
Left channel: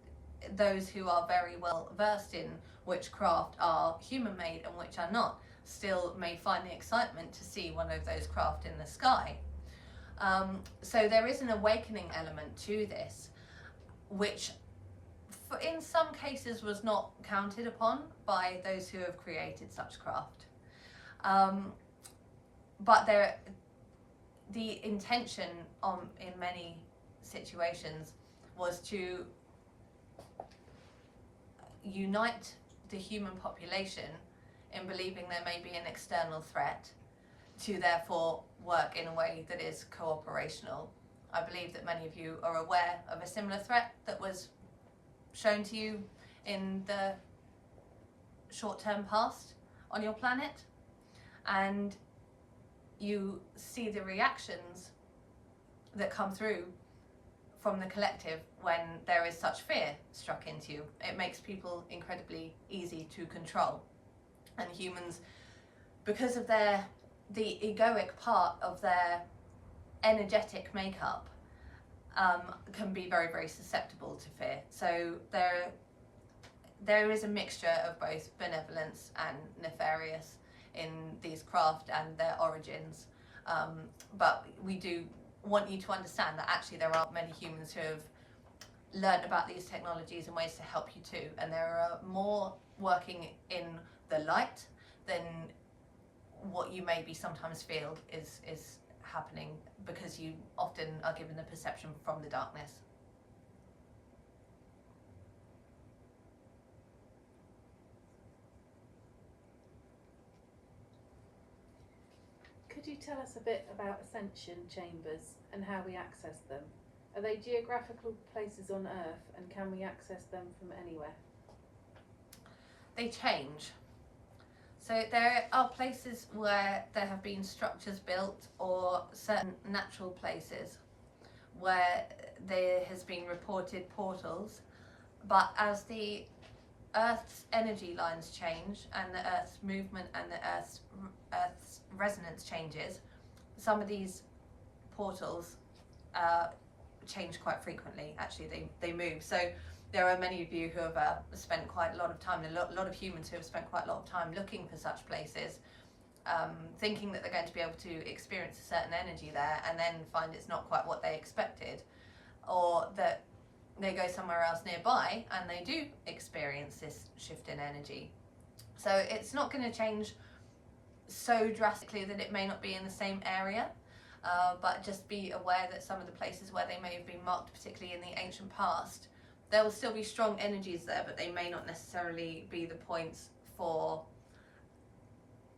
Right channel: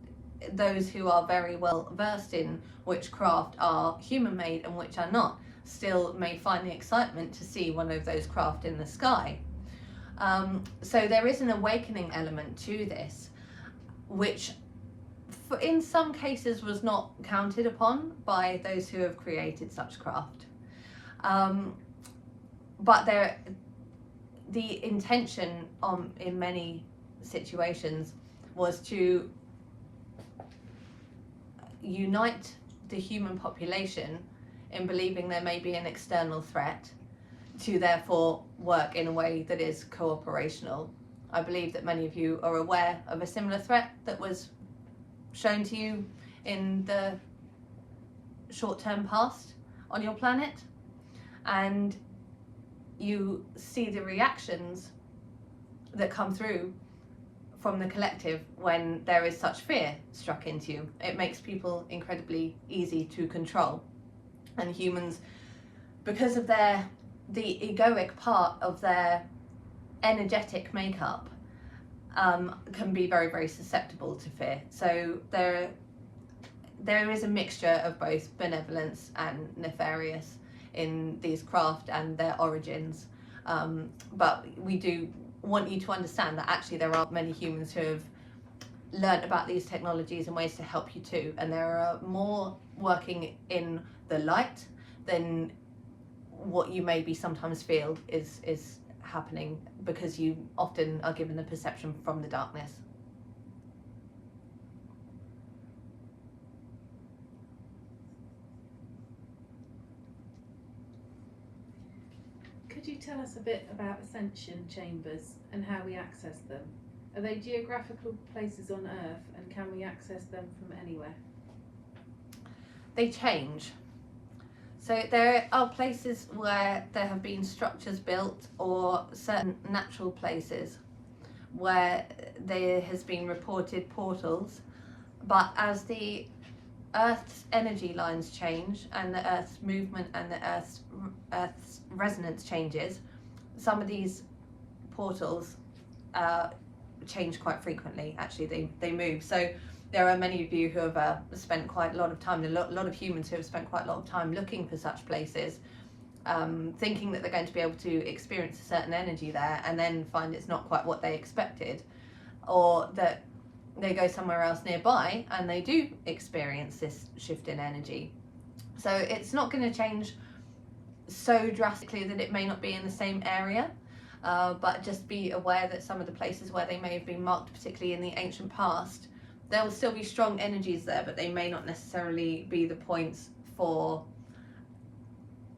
those who are very well versed in which craft are human-made and which are not, still may find the excitement to see one of those craft in the sky. So there is an awakening element to this, which in some cases was not counted upon by those who have created such craft. But the intention in many situations was to unite the human population in believing there may be an external threat, to therefore work in a way that is cooperational. I believe that many of you are aware of a similar threat that was shown to you in the short-term past on your planet, and you see the reactions that come through from the collective when there is such fear struck into you. It makes people incredibly easy to control, and humans, because of the egoic part of their energetic makeup, can be very, very susceptible to fear. So there is a mixture of both benevolence and nefarious in these craft and their origins, but we do want you to understand that actually there are many humans who have learnt about these technologies and ways to help you too, and there are more working in the light than what you maybe sometimes feel is happening, because you often are given the perception from the darkness. Could you tell us a bit about ascension chambers and how we access them? Are they geographical places on Earth, and can we access them from anywhere? They change. So there are places where there have been structures built, or certain natural places where there has been reported portals, but as the Earth's energy lines change and the Earth's movement and the Earth's resonance changes, some of these portals change quite frequently. Actually, they move. So there are many of you who have spent quite a lot of time, a lot of humans who have spent quite a lot of time looking for such places, thinking that they're going to be able to experience a certain energy there, and then find it's not quite what they expected, or that they go somewhere else nearby and they do experience this shift in energy. So it's not going to change so drastically that it may not be in the same area, but just be aware that some of the places where they may have been marked, particularly in the ancient past, there will still be strong energies there, but they may not necessarily be the points for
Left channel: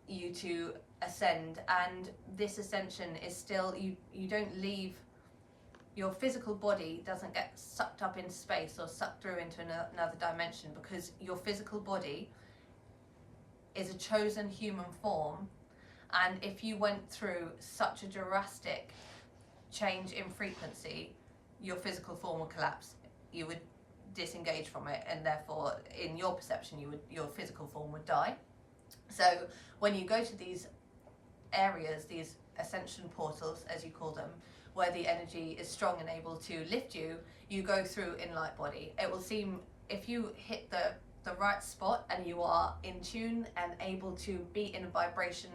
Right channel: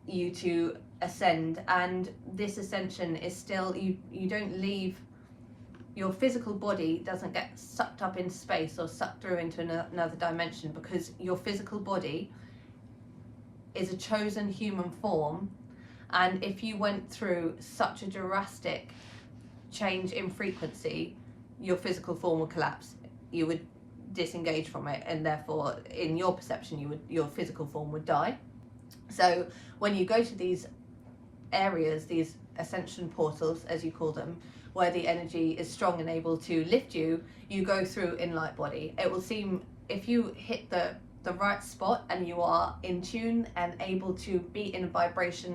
you to ascend. And this ascension is still, you don't leave, your physical body doesn't get sucked up into space or sucked through into another dimension, because your physical body is a chosen human form, and if you went through such a drastic change in frequency, your physical form would collapse. You would disengage from it, and therefore in your perception your physical form would die. So when you go to these areas, these ascension portals as you call them, where the energy is strong and able to lift you, you go through in light body. It will seem, if you hit the right spot and you are in tune and able to be in a vibration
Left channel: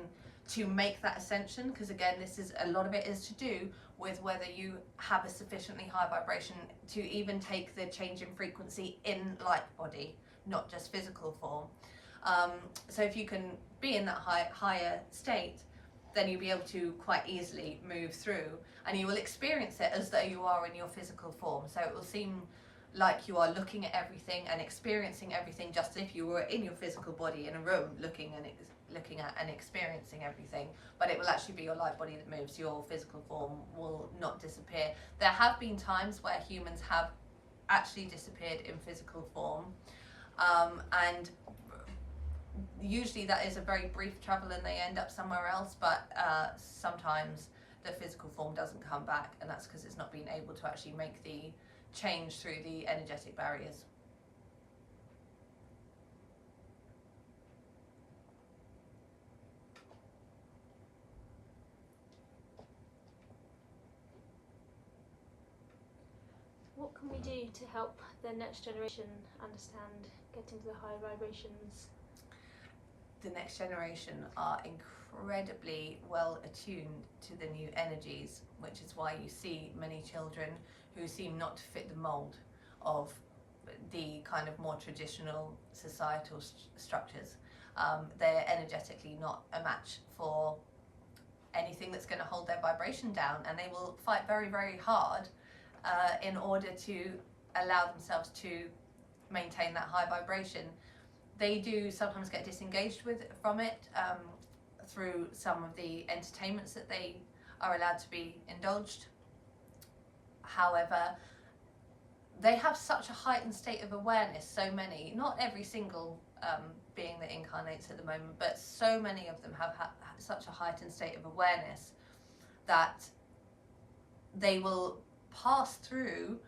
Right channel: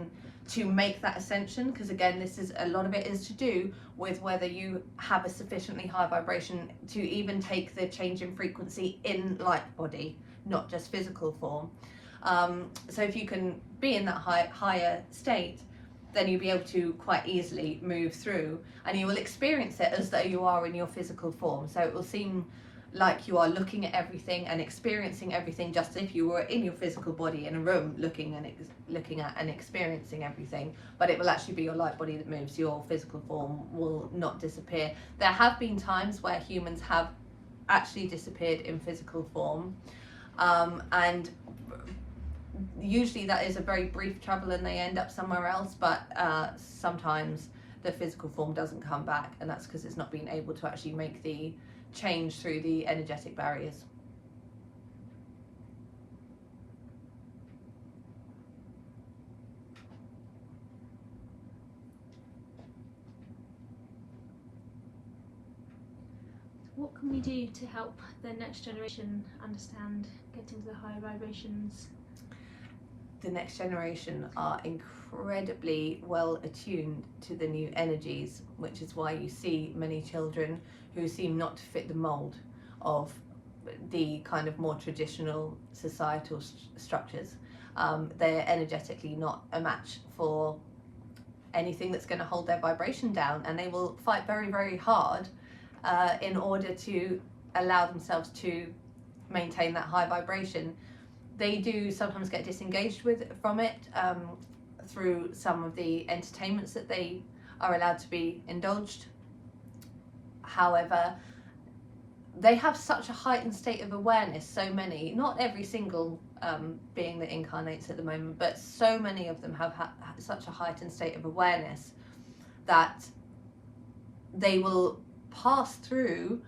to make that ascension, because again, this is a lot of it is to do with whether you have a sufficiently high vibration to even take the change in frequency in light body, not just physical form. So if you can be in that higher state, then you'll be able to quite easily move through, and you will experience it as though you are in your physical form. So it will seem like you are looking at everything and experiencing everything just as if you were in your physical body in a room looking at and experiencing everything, but it will actually be your light body that moves. Your physical form will not disappear. There have been times where humans have actually disappeared in physical form, and usually that is a very brief travel and they end up somewhere else, but sometimes the physical form doesn't come back, and that's because it's not being able to actually make the change through the energetic barriers. What can we do to help the next generation understand getting to the higher vibrations? The next generation are incredibly well attuned to the new energies, which is why you see many children who seem not to fit the mold of the kind of more traditional societal structures. They're energetically not a match for anything that's going to hold their vibration down, and they will fight very, very hard in order to allow themselves to maintain that high vibration. They do sometimes get disengaged from it through some of the entertainments that they are allowed to be indulged. However, they have such a heightened state of awareness, so many, not every single being that incarnates at the moment, but so many of them have such a heightened state of awareness that they will pass through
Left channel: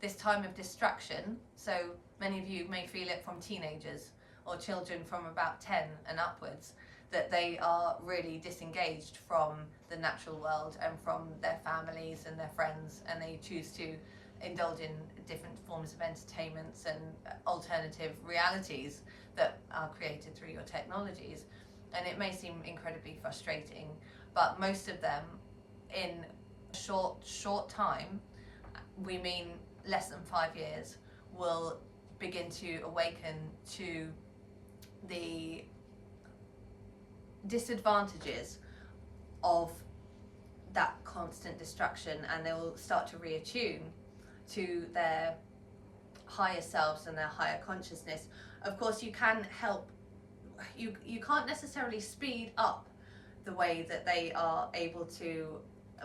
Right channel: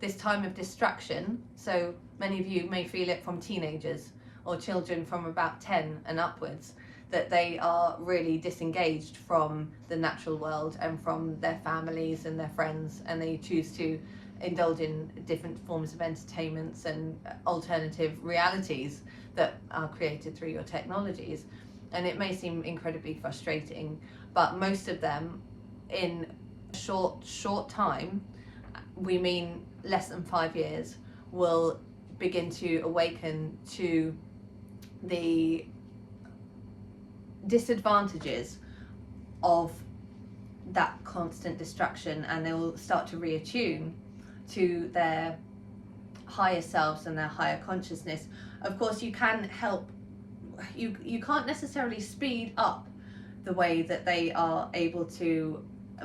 this time of distraction. So many of you may feel it from teenagers or children from about 10 and upwards, that they are really disengaged from the natural world and from their families and their friends, and they choose to indulge in different forms of entertainments and alternative realities that are created through your technologies. And it may seem incredibly frustrating, but most of them in short time, we mean less than 5 years, will begin to awaken to the disadvantages of that constant distraction, and they will start to reattune to their higher selves and their higher consciousness. Of course, you can help, you can't necessarily speed up the way that they are able to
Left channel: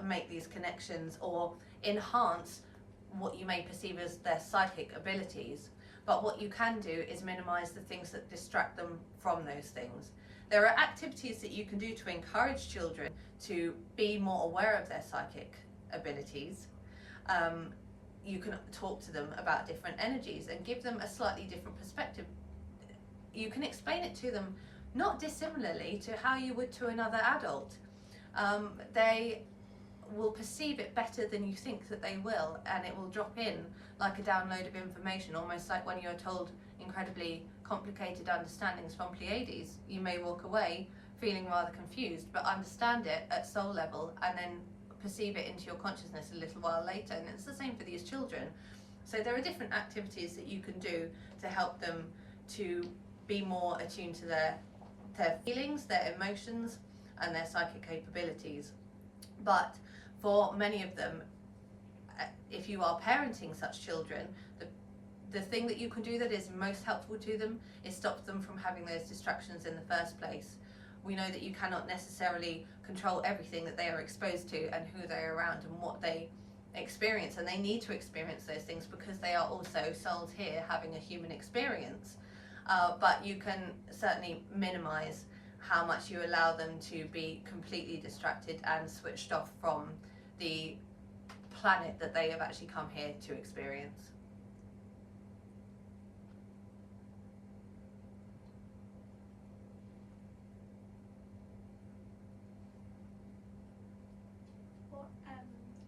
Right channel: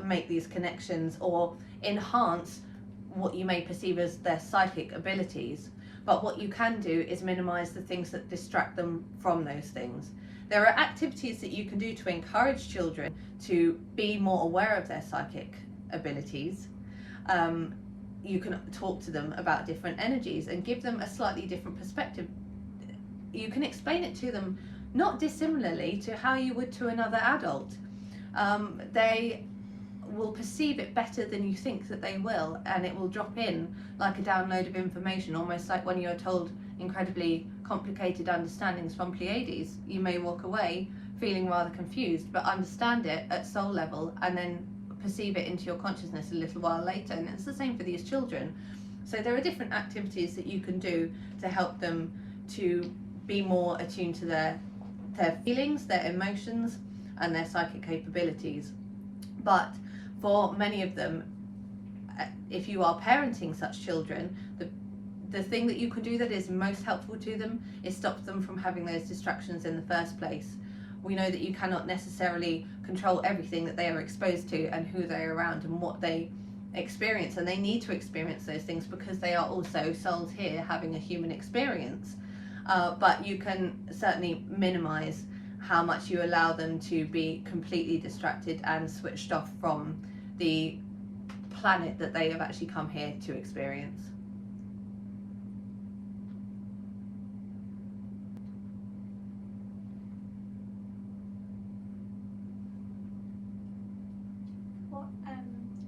make these connections or enhance what you may perceive as their psychic abilities, but what you can do is minimize the things that distract them from those things. There are activities that you can do to encourage children to be more aware of their psychic abilities. You can talk to them about different energies and give them a slightly different perspective. You can explain it to them not dissimilarly to how you would to another adult. They will perceive it better than you think that they will, and it will drop in like a download of information, almost like when you're told incredibly complicated understandings from Pleiades. You may walk away feeling rather confused, but understand it at soul level and then perceive it into your consciousness a little while later. And it's the same for these children. So there are different activities that you can do to help them to be more attuned to their feelings, their emotions, and their psychic capabilities. But for many of them, if you are parenting such children, the thing that you can do that is most helpful to them is stop them from having those distractions in the first place. We know that you cannot necessarily control everything that they are exposed to and who they are around and what they experience, and they need to experience those things because they are also souls here having a human experience. But you can certainly minimize how much you allow them to be completely distracted and switched off from the planet that they have actually come here to experience.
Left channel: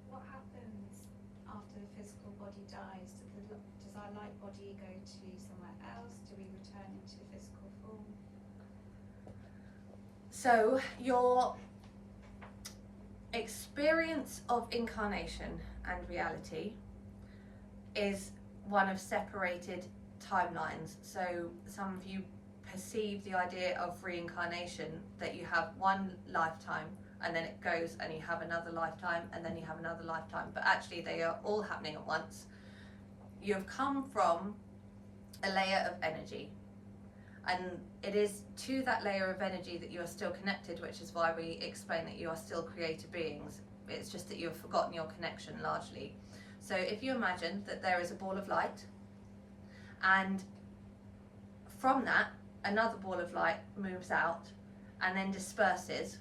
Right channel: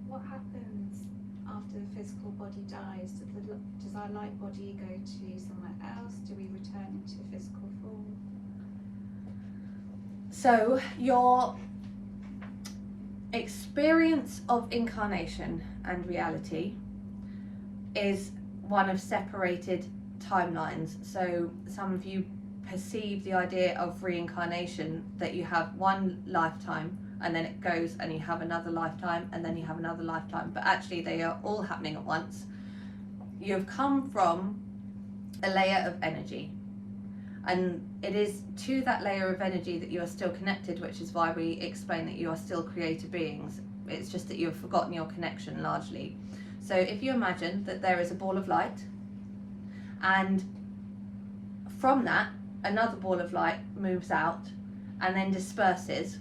What happens after the physical body dies? Does our light body go to somewhere else? Do we return into physical form? So your experience of incarnation and reality is one of separated timelines. So some of you perceive the idea of reincarnation that you have one lifetime and then it goes and you have another lifetime and then you have another lifetime, but actually they are all happening at once. You have come from a layer of energy, and it is to that layer of energy that you are still connected, which is why we explain that you are still creator beings. It's just that you've forgotten your connection largely. So if you imagine that there is a ball of light, and from that another ball of light moves out and then disperses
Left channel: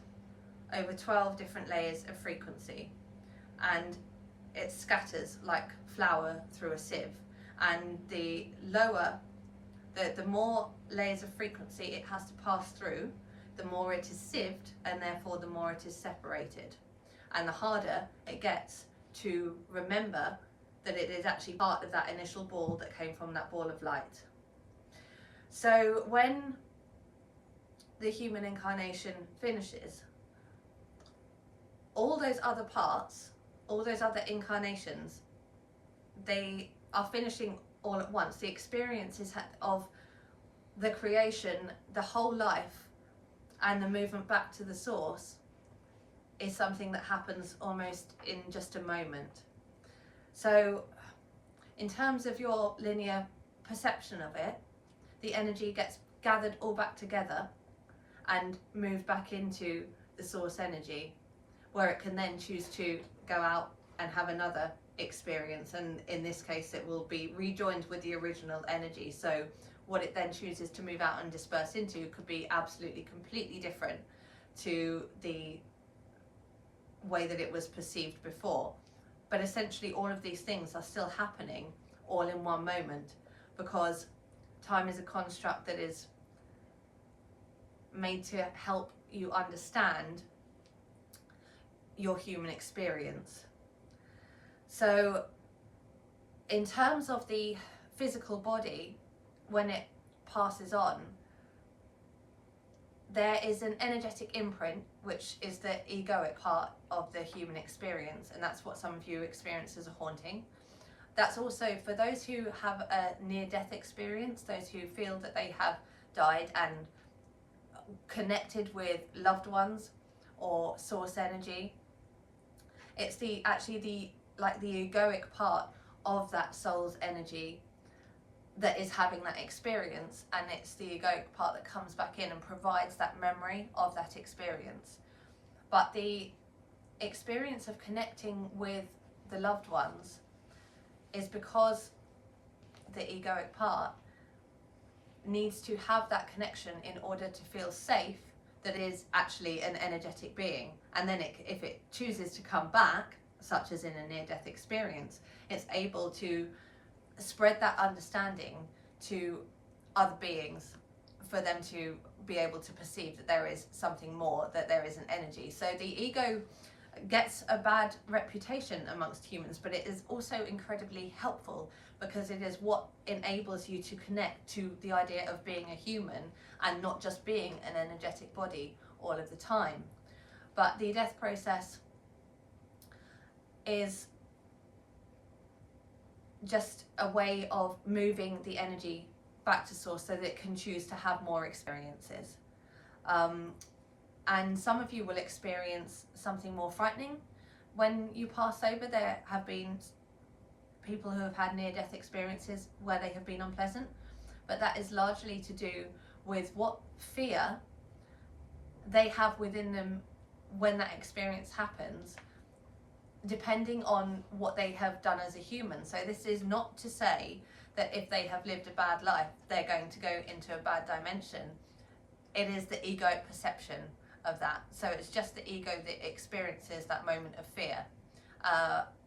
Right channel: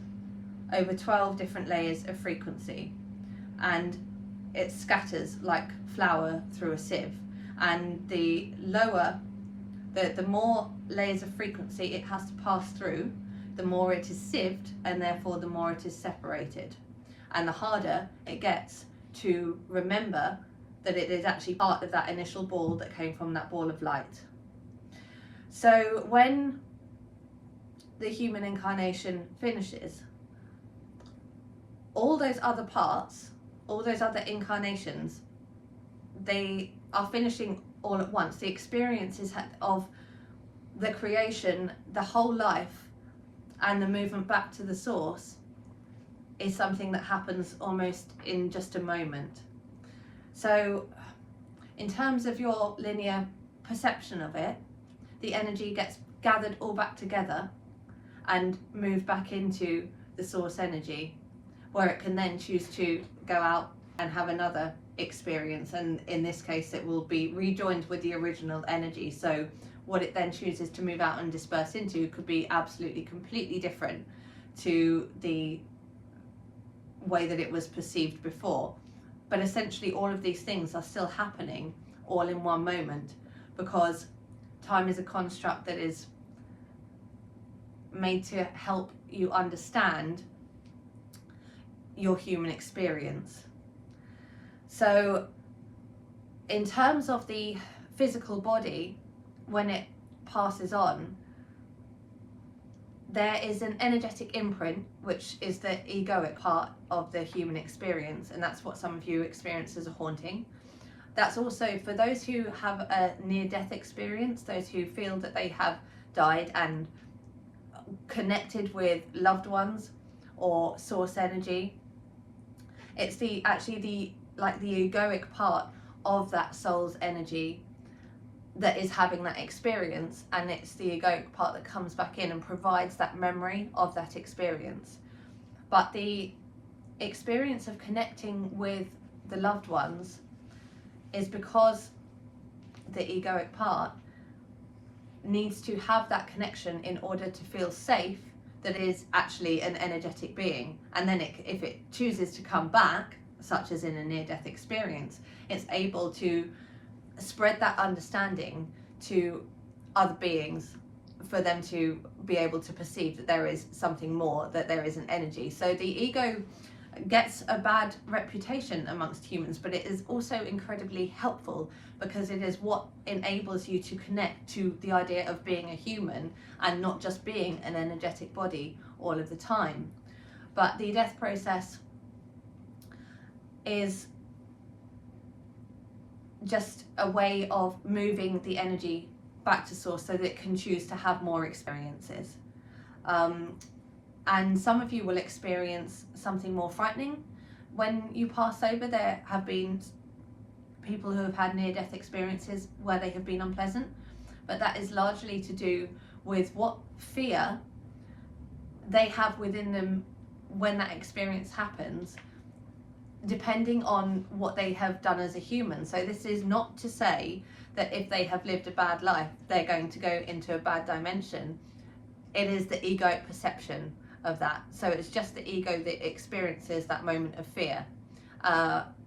over 12 different layers of frequency, and it scatters like flour through a sieve. And the lower, the more layers of frequency it has to pass through, the more it is sieved, and therefore the more it is separated. And the harder it gets to remember that it is actually part of that initial ball that came from that ball of light. So when the human incarnation finishes, all those other parts, all those other incarnations, they are finishing all at once. The experiences of the creation, the whole life, and the movement back to the source is something that happens almost in just a moment. So in terms of your linear perception of it, the energy gets gathered all back together and moved back into the source energy, where it can then choose to go out and have another experience, and in this case it will be rejoined with the original energy. So what it then chooses to move out and disperse into could be absolutely completely different to the way that it was perceived before. But essentially all of these things are still happening all in one moment, because time is a construct that is made to help you understand your human experience. So in terms of the physical body, when it passes on, there is an energetic imprint, which is the egoic part of the human experience, and that's what some of you experience as a haunting. That's also for those who have a near-death experience, those who feel that they have died and connected with loved ones or source energy. It's actually the egoic part of that soul's energy that is having that experience, and it's the egoic part that comes back in and provides that memory of that experience. But the experience of connecting with the loved ones is because the egoic part needs to have that connection in order to feel safe that it is actually an energetic being. And then if it chooses to come back, such as in a near-death experience, it's able to spread that understanding to other beings for them to be able to perceive that there is something more, that there is an energy. So the ego gets a bad reputation amongst humans, but it is also incredibly helpful, because it is what enables you to connect to the idea of being a human and not just being an energetic body all of the time. But the death process is just a way of moving the energy back to source so that it can choose to have more experiences. And some of you will experience something more frightening when you pass over. There have been people who have had near-death experiences where they have been unpleasant, but that is largely to do with what fear they have within them when that experience happens, depending on what they have done as a human. So this is not to say that if they have lived a bad life, they're going to go into a bad dimension. It is the egoic perception of that. So it's just the ego that experiences that moment of fear,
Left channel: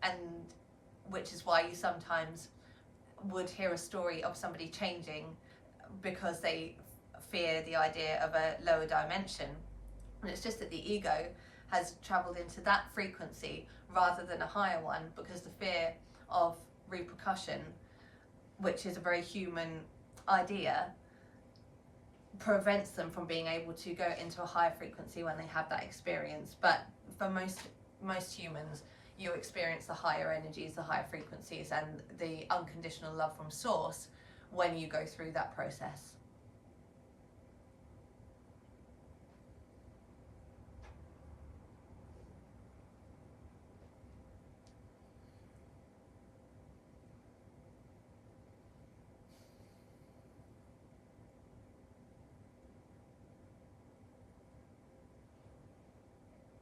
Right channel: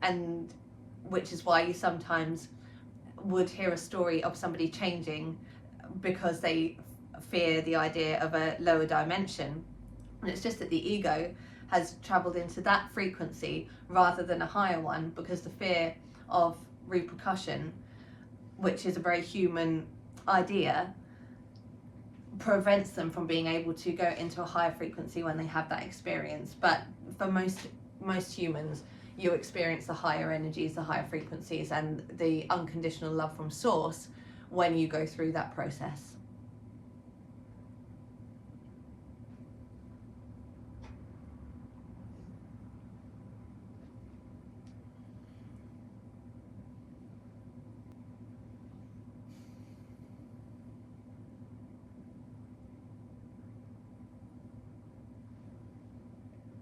and which is why you sometimes would hear a story of somebody changing because they fear the idea of a lower dimension. And it's just that the ego has traveled into that frequency rather than a higher one, because the fear of repercussion, which is a very human idea, prevents them from being able to go into a higher frequency when they have that experience. But for most humans, you experience the higher energies, the higher frequencies, and the unconditional love from source when you go through that process.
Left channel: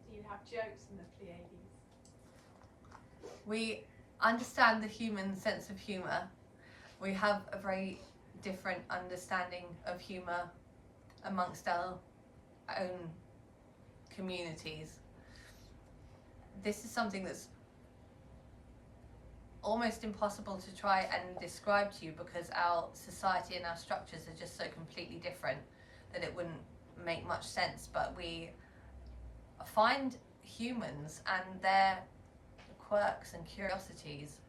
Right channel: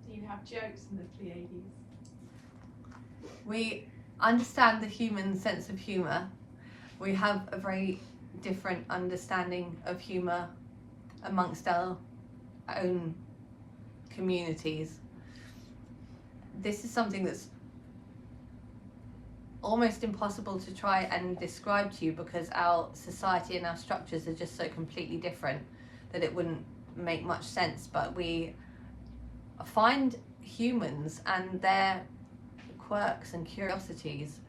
Do you have jokes in the Pleiades? We understand the human sense of humour. We have a very different understanding of humour amongst our own communities. This is something that's almost impossible to try and describe to you, because our society and our structures are just so completely different that it wouldn't make much sense. But we find humans and their quirks and curiosities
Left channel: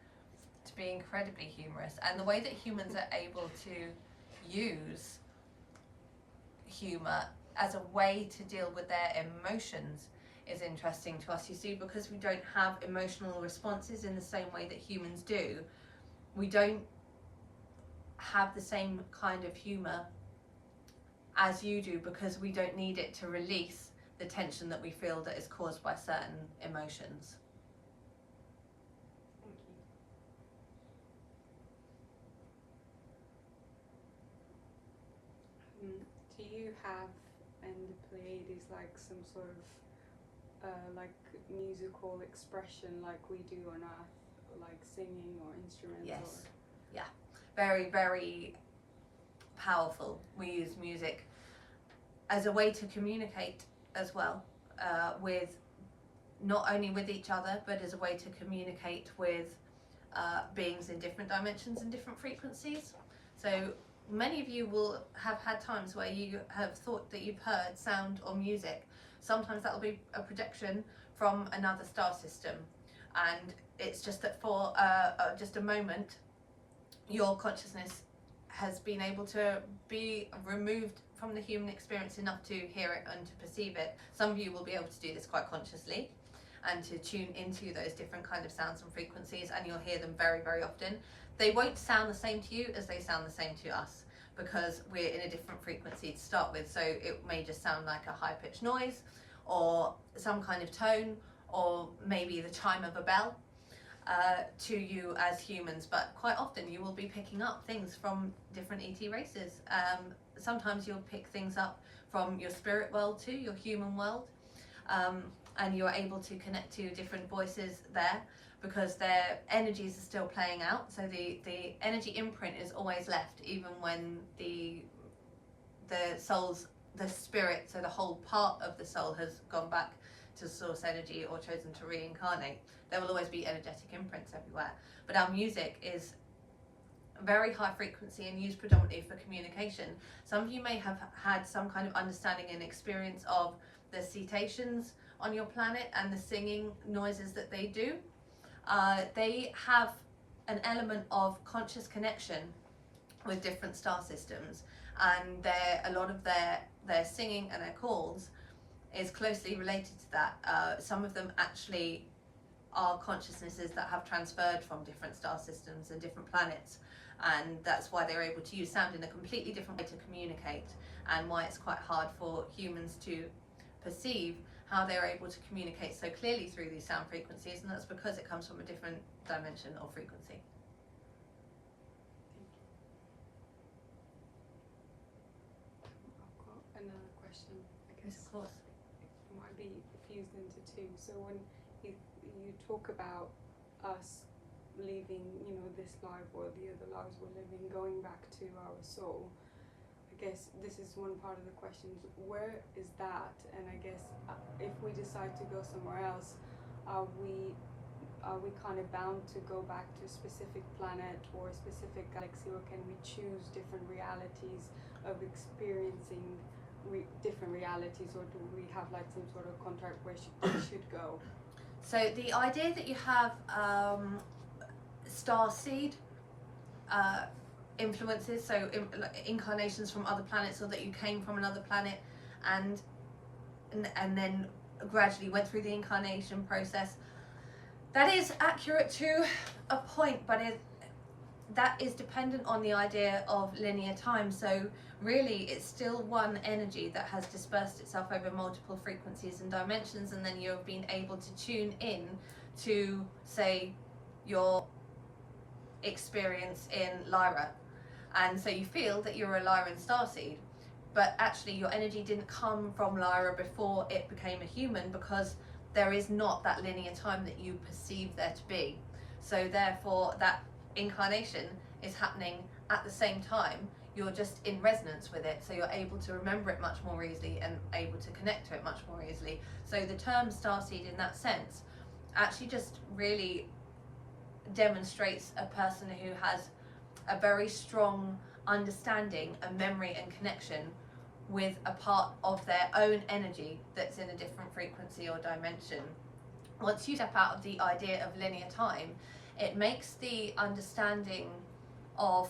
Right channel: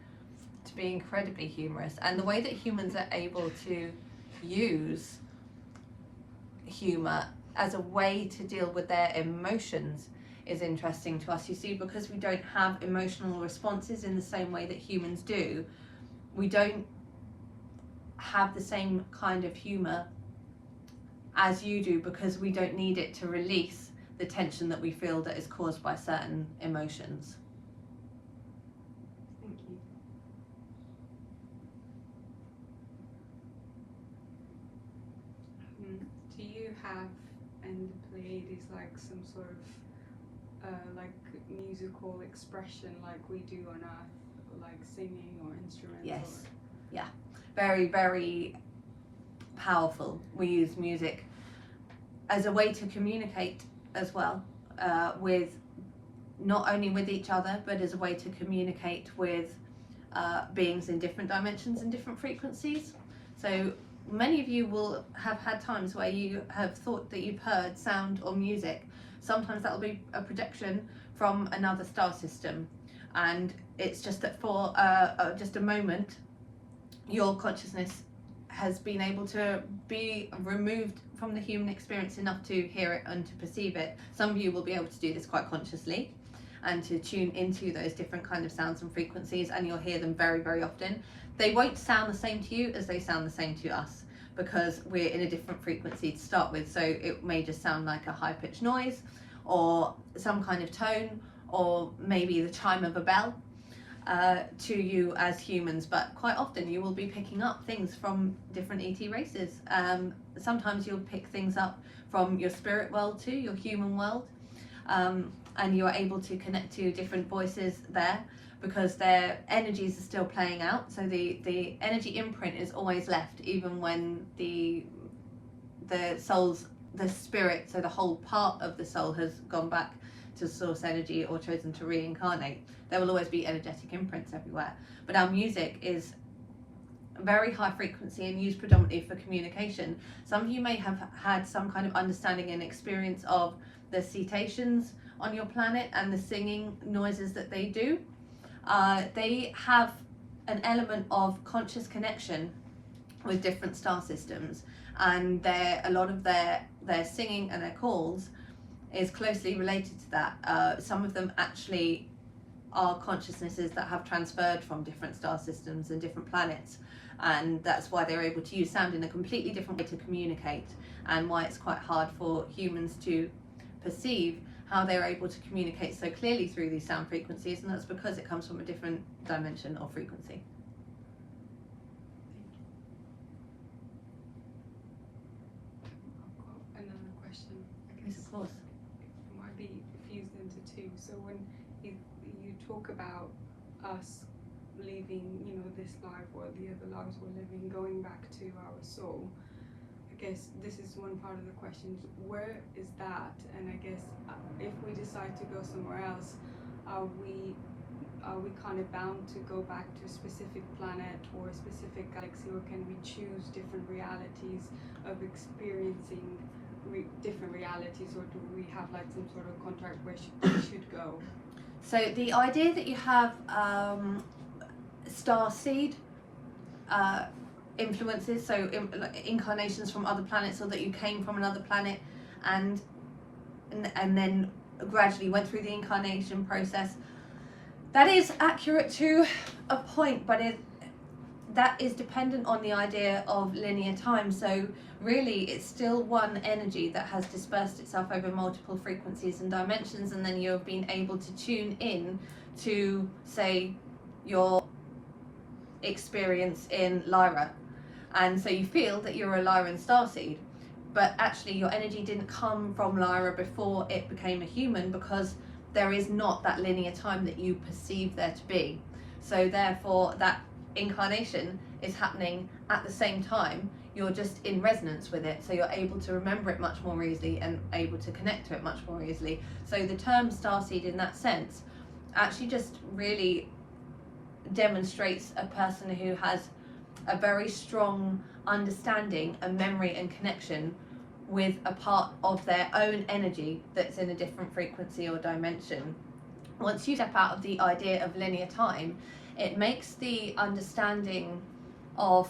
to be incredibly humorous, and the way that humans are able to use humor as a way to deal with their emotions is interesting to us. You see, because we don't have emotional responses in the same way that humans do, we don't have the same kind of humor as you do, because we don't need it to release the tension that we feel that is caused by certain emotions. Thank you. Do you have in the Pleiades like some sort of like musical expression like we do on Earth, like singing or instruments? Yes. Yeah. Very, very powerful. We use music as a way to communicate as well, with not only with each other, but as a way to communicate with beings in different dimensions and different frequencies. So many of you will have had times where you have thought that you've heard sound or music. Sometimes that will be a projection from another star system, and it's just that for just a moment your consciousness has been able to be removed from the human experience enough to hear it and to perceive it. Some of you will be able to do this quite consciously and to tune into those different kind of sounds and frequencies, and you'll hear them very, very often. They won't sound the same to you as they sound the same to us, because we're in a different frequency to start with. So it may just sound like a high-pitched noise or some kind of tone, or maybe the chime of a bell to you as humans, but quite often you will be picking up things from different ET races. Sometimes you'll pick things up from your spirit world too, your human world, and you are able to connect to different voices there, because their energies are still playing out. So the energy imprint is always left, even when the spirit, so the whole part of the soul, has gone back to source energy or chosen to reincarnate. There will always be energetic imprints everywhere. But our music is very high frequency and used predominantly for communication. Some of you may have had some kind of understanding and experience of the cetaceans on your planet and the singing noises that they do. They have an element of conscious connection with different star systems, and a lot of their singing and their calls is closely related to that. Some of them actually are consciousnesses that have transferred from different star systems and different planets, and that's why they're able to use sound in a completely different way to communicate, and why it's quite hard for humans to perceive how they're able to communicate so clearly through these sound frequencies, and that's because it comes from a different dimension or frequency. I've got another question. I Yes, guess of course. it might be fused into two. So when you talk about us leaving, this life or the other lives we're living, going back to our soul, I guess this is one part of the question. Where is that? And I guess if we decide to go somewhere else, are we kind of bound to go back to a specific planet or a specific galaxy, or can we choose different realities of experiencing different realities, or do we have like some sort of contract where we should go? So the idea that you have star seed influences, so incarnations from other planets, or that you came from another planet and then gradually went through the incarnation process, that is accurate to a point, but that is dependent on the idea of linear time. So really it's still one energy that has dispersed itself over multiple frequencies and dimensions, and then you've been able to tune in to, say, your experience in Lyra, and so you feel that you're a Lyran starseed, but actually your energy didn't come from Lyra before it became a human, because there is not that linear time that you perceive there to be. So therefore that incarnation is happening at the same time you're just in resonance with it, so you're able to remember it much more easily and able to connect to it much more easily. So the term starseed in that sense actually just really demonstrates a person who has a very strong understanding and memory and connection with a part of their own energy that's in a different frequency or dimension. Once you step out of the idea of linear time, it makes the understanding of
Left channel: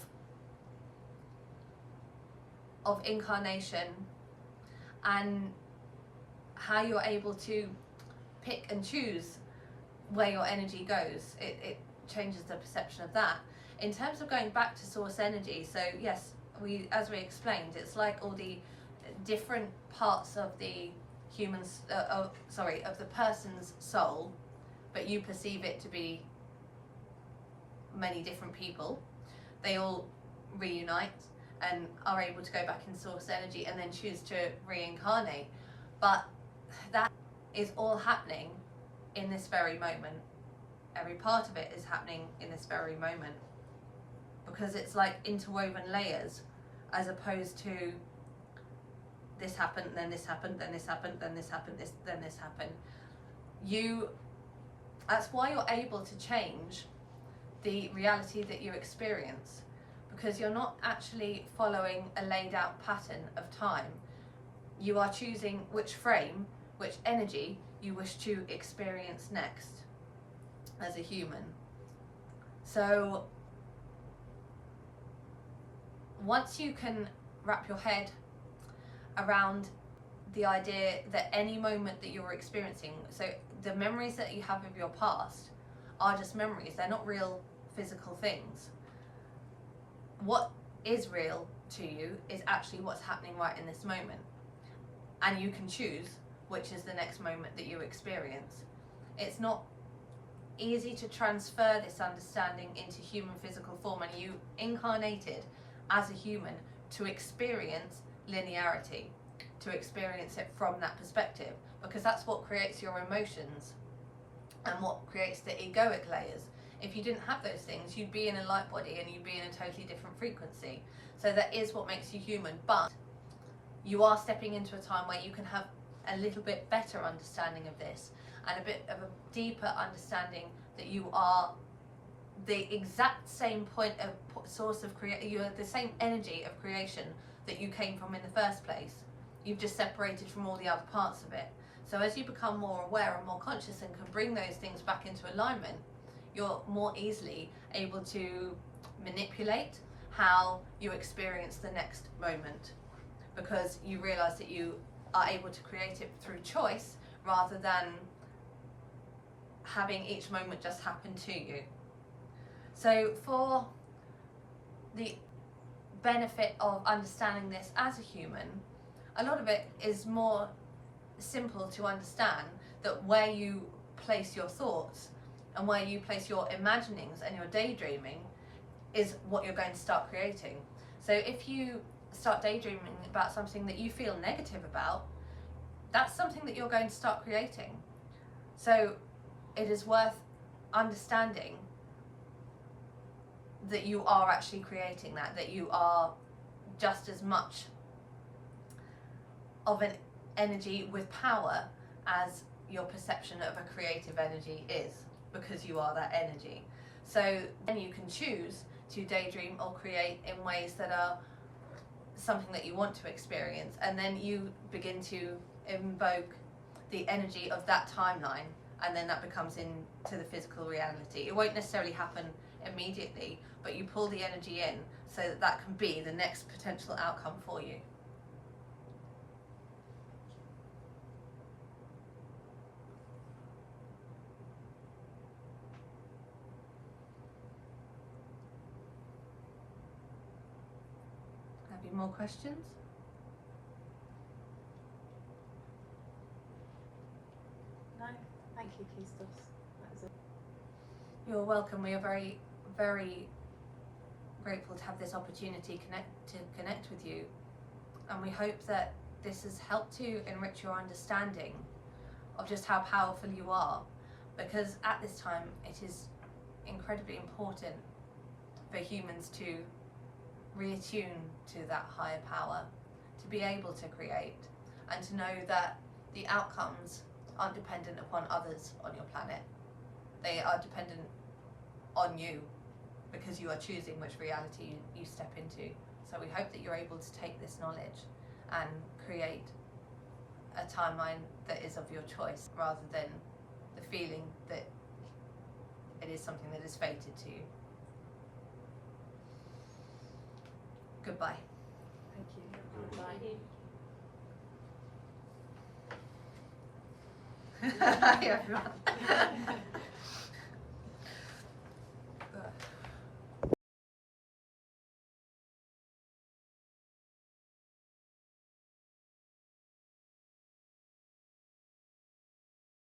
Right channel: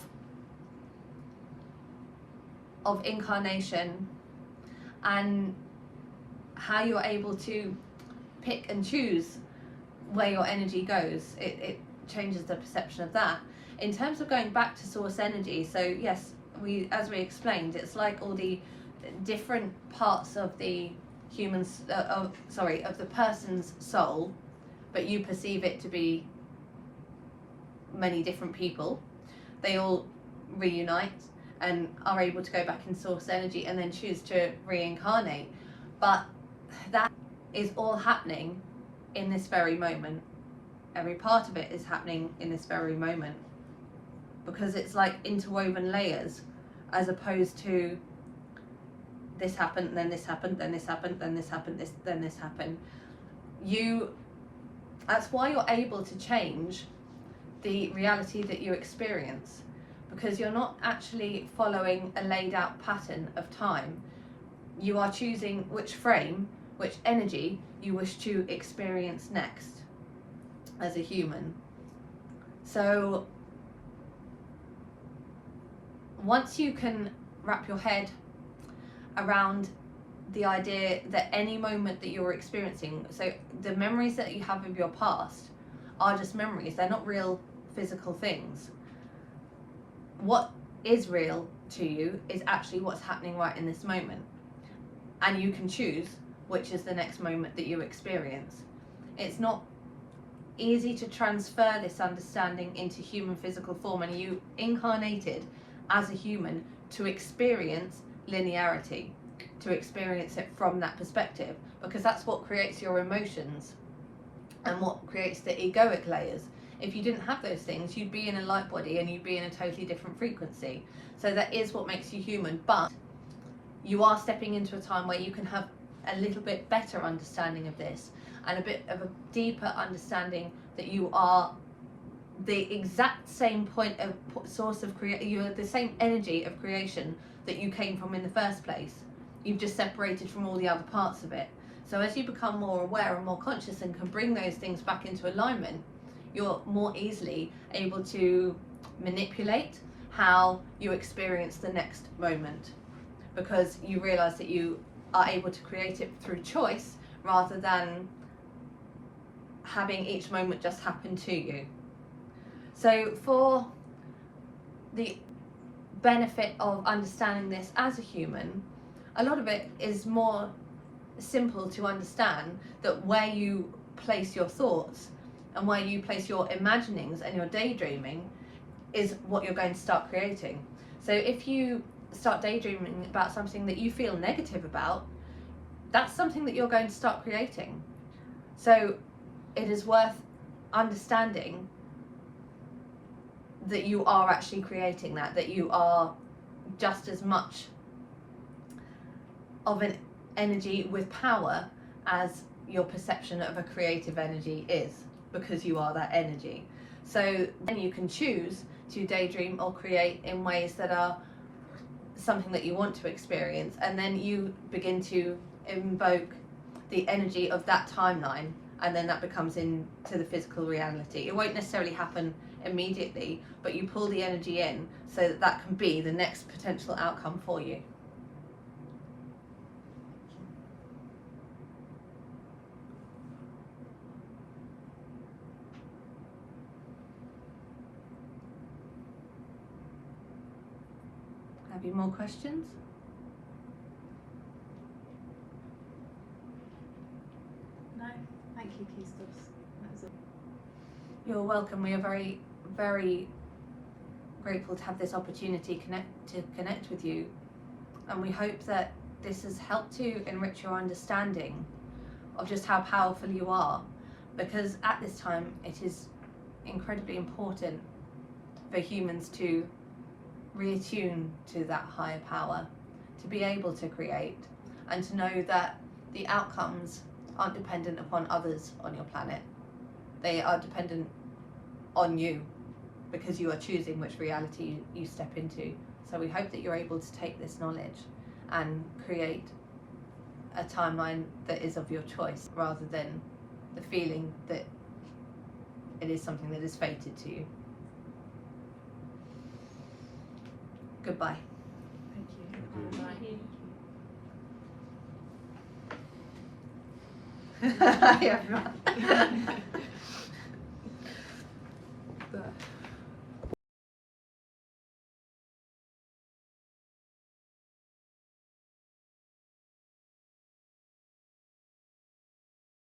incarnation and how you're able to pick and choose where your energy goes. It changes the perception of that. In terms of going back to source energy, so yes, as we explained, it's like all the different parts of the of the person's soul, but you perceive it to be many different people. They all reunite and are able to go back in source energy and then choose to reincarnate. But that is all happening in this very moment. Every part of it is happening in this very moment, because it's like interwoven layers, as opposed to this happened, then this happened, then this happened, then this happened, then this happened. That's why you're able to change the reality that you experience, because you're not actually following a laid out pattern of time. You are choosing which frame, which energy you wish to experience next as a human. So once you can wrap your head around the idea that any moment that you're experiencing, so the memories that you have of your past are just memories, they're not real physical things. What is real to you is actually what's happening right in this moment, and you can choose which is the next moment that you experience. It's not easy to transfer this understanding into human physical form, and you incarnated as a human to experience linearity, to experience it from that perspective, because that's what creates your emotions and what creates the egoic layers. If you didn't have those things, you'd be in a light body and you'd be in a totally different frequency. So that is what makes you human, but you are stepping into a time where you can have a little bit better understanding of this, and a bit of a deeper understanding that you are the exact same point of source of you are the same energy of creation that you came from in the first place. You've just separated from all the other parts of it. So as you become more aware and more conscious and can bring those things back into alignment, you're more easily able to manipulate how you experience the next moment, because you realize that you are able to create it through choice rather than having each moment just happen to you. So for the benefit of understanding this as a human, a lot of it is more simple to understand, that where you place your thoughts and where you place your imaginings and your daydreaming is what you're going to start creating. So if you start daydreaming about something that you feel negative about, that's something that you're going to start creating. So it is worth understanding that you are actually creating that you are just as much of an energy with power as your perception of a creative energy is, because you are that energy. So then you can choose to daydream or create in ways that are something that you want to experience, and then you begin to invoke the energy of that timeline, and then that becomes into the physical reality. It won't necessarily happen immediately, but you pull the energy in so that that can be the next potential outcome for you. Have you more questions? No, thank you, Keistos. That was it. You're welcome. We are very, very grateful to have this opportunity to connect with you, and we hope that this has helped to enrich your understanding of just how powerful you are, because at this time it is incredibly important for humans to reattune to that higher power, to be able to create, and to know that the outcomes aren't dependent upon others on your planet. They are dependent on you, because you are choosing which reality you step into. So we hope that you're able to take this knowledge and create a timeline that is of your choice, rather than the feeling that it is something that is fated to you. Goodbye. Thank you. Hi everyone.